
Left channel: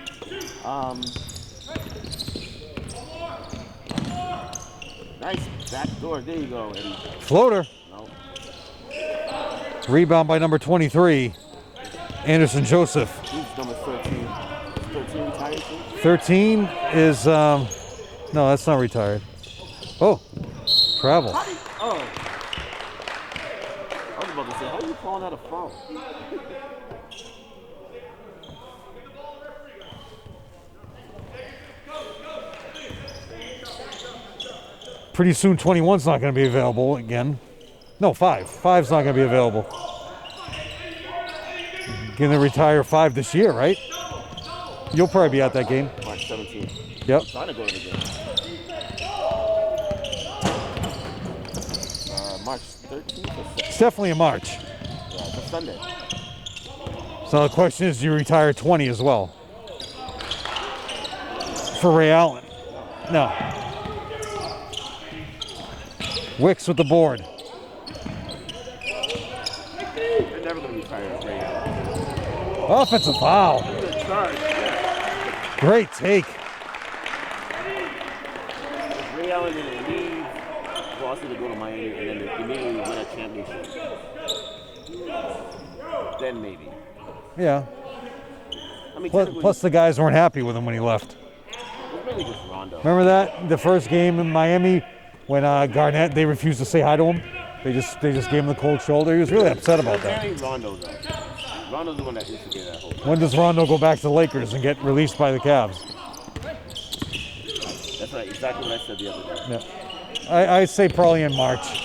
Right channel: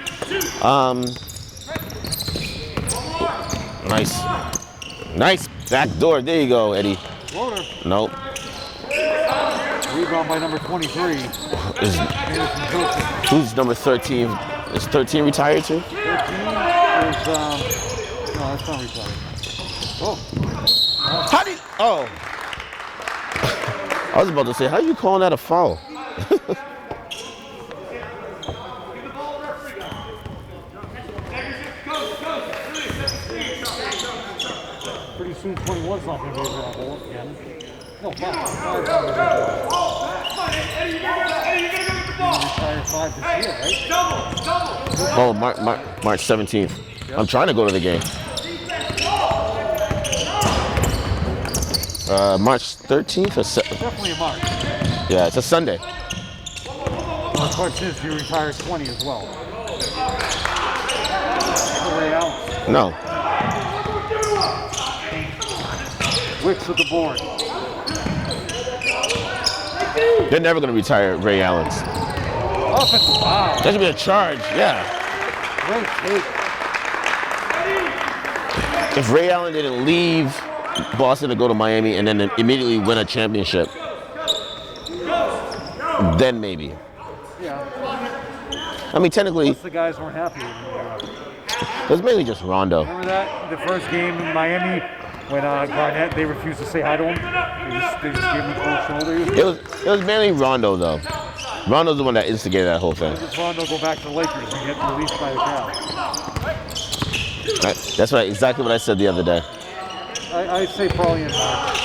Nice back door. There you go, Eddie. Floater. Nope. Rebound by number 23, Anderson Joseph. Who's number 13? Is 13 retired too? 13 is, no, that's not retired. Oh, travel. Oh. I was about to say, how are you calling that a foul? Pretty soon 21's not going to be available again. No, 5. 5's not going to be available. You're going to retire 5 this year, right? You'll probably be at that game. March 17th. Yep. I'm trying to go to the game. March 13th or It's definitely in March. yeah, it's a Sunday. So the question is, do you retire 20 as well? For Ray Allen? No. No. Wicks with the board. They're never going to retire Ray Allen's. Offensive foul. That should be a charge, yeah. Great take. If Ray Allen didn't leave Boston to go to Miami and then immediately win a championship, then maybe. Yeah. I mean, technically, Plus the guys weren't happy with him when he left. it was mainly just Rondo. Remember that? The first game in Miami when Garnett, they refused to say hi to him. They just gave him the cold shoulder. He was really upset It about was that. mainly Rondo, though. Rondo's the one that instigated that whole thing. When does Rondo go back to the Lakers and get released by the Cavs? That's exactly what I said the other day. I say probably in March.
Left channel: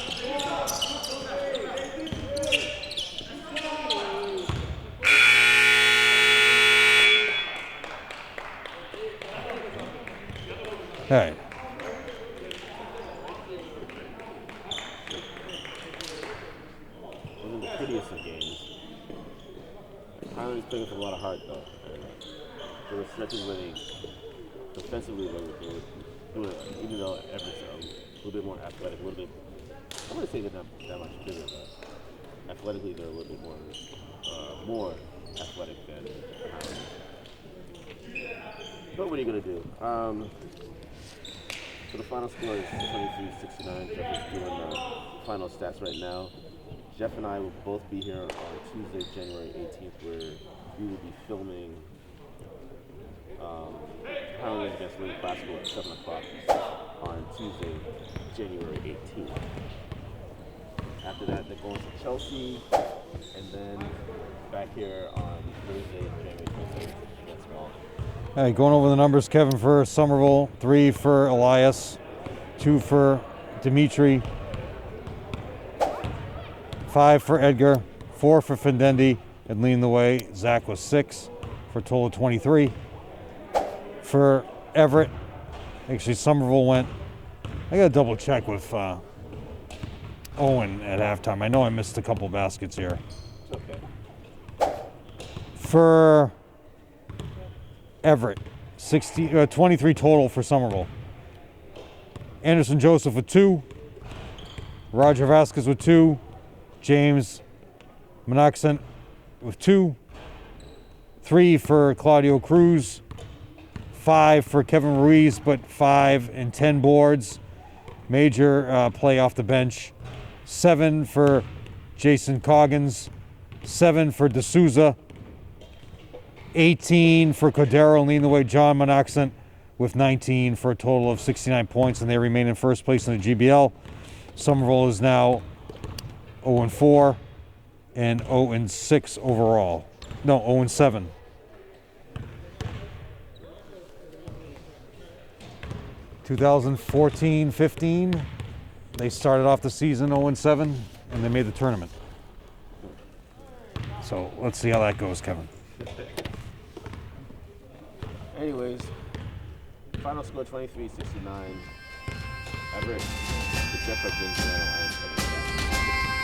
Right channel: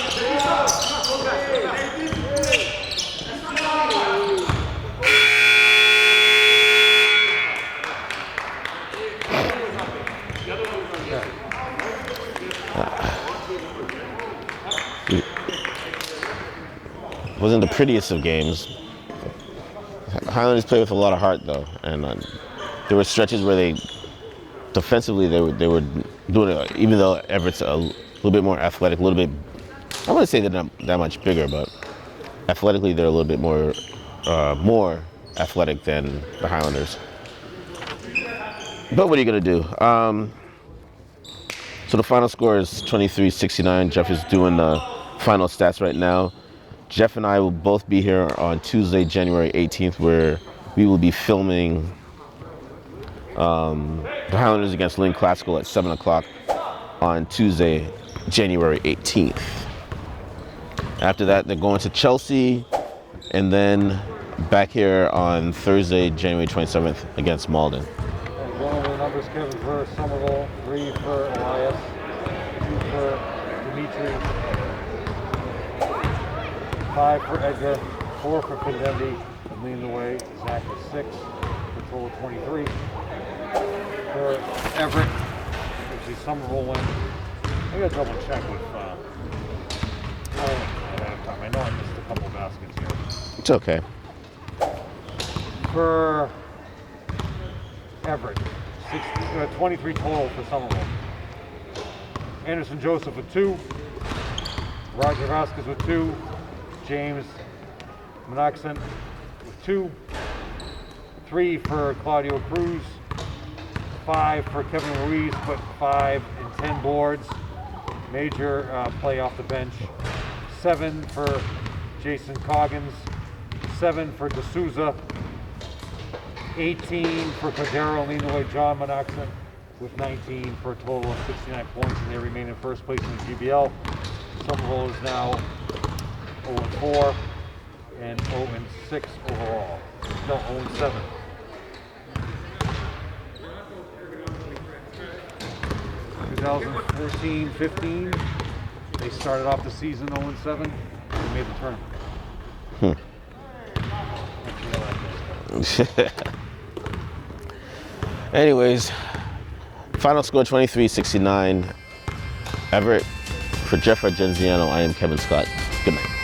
All right. Wasn't the prettiest of games. Highlanders played with a lot of heart, though, and there were stretches where defensively they were doing it. Even though Everett's a little bit more athletic, a little bit. I wouldn't say they're not that much bigger, but athletically they're a little bit more athletic than the Highlanders. But what are you gonna do? So the final score is 23-69. Jeff is doing the final stats right now. Jeff and I will both be here on Tuesday, January 18th, where we will be filming the Highlanders against Lynn Classical at 7 o'clock on Tuesday, January 18th. After that, they're going to Chelsea, and then back here on Thursday, January 27th against Malden. All right, going over the numbers, Kevin for Somerville, 3 for Elias, 2 for Dimitri, 5 for Edgar, 4 for Findendi, and leading the way, Zach was 6 for a total of 23. For Everett, actually Somerville went, I gotta double check with Owen at halftime. I know I missed a couple baskets here. It's okay. For Everett, 23 total for Somerville. Anderson Joseph with 2, Roger Vasquez with 2, James Monaxent with 2, 3 for Claudio Cruz, 5 for Kevin Ruiz, but 5 and 10 boards. Major play off the bench. 7 for Jason Coggins, 7 for D'Souza, 18 for Cordero, and leading the way John Monaxent with 19 for a total of 69 points, and they remain in first place in the GBL. Somerville is now 0-4 and 0-6 overall. No, 0-7. 2014-15, they started off the season 0-7, and they made the tournament. So let's see how that goes, Kevin. Anyways, final score 23-69. Everett. For Jeff Argenziano, I am Kevin Scott. Good night.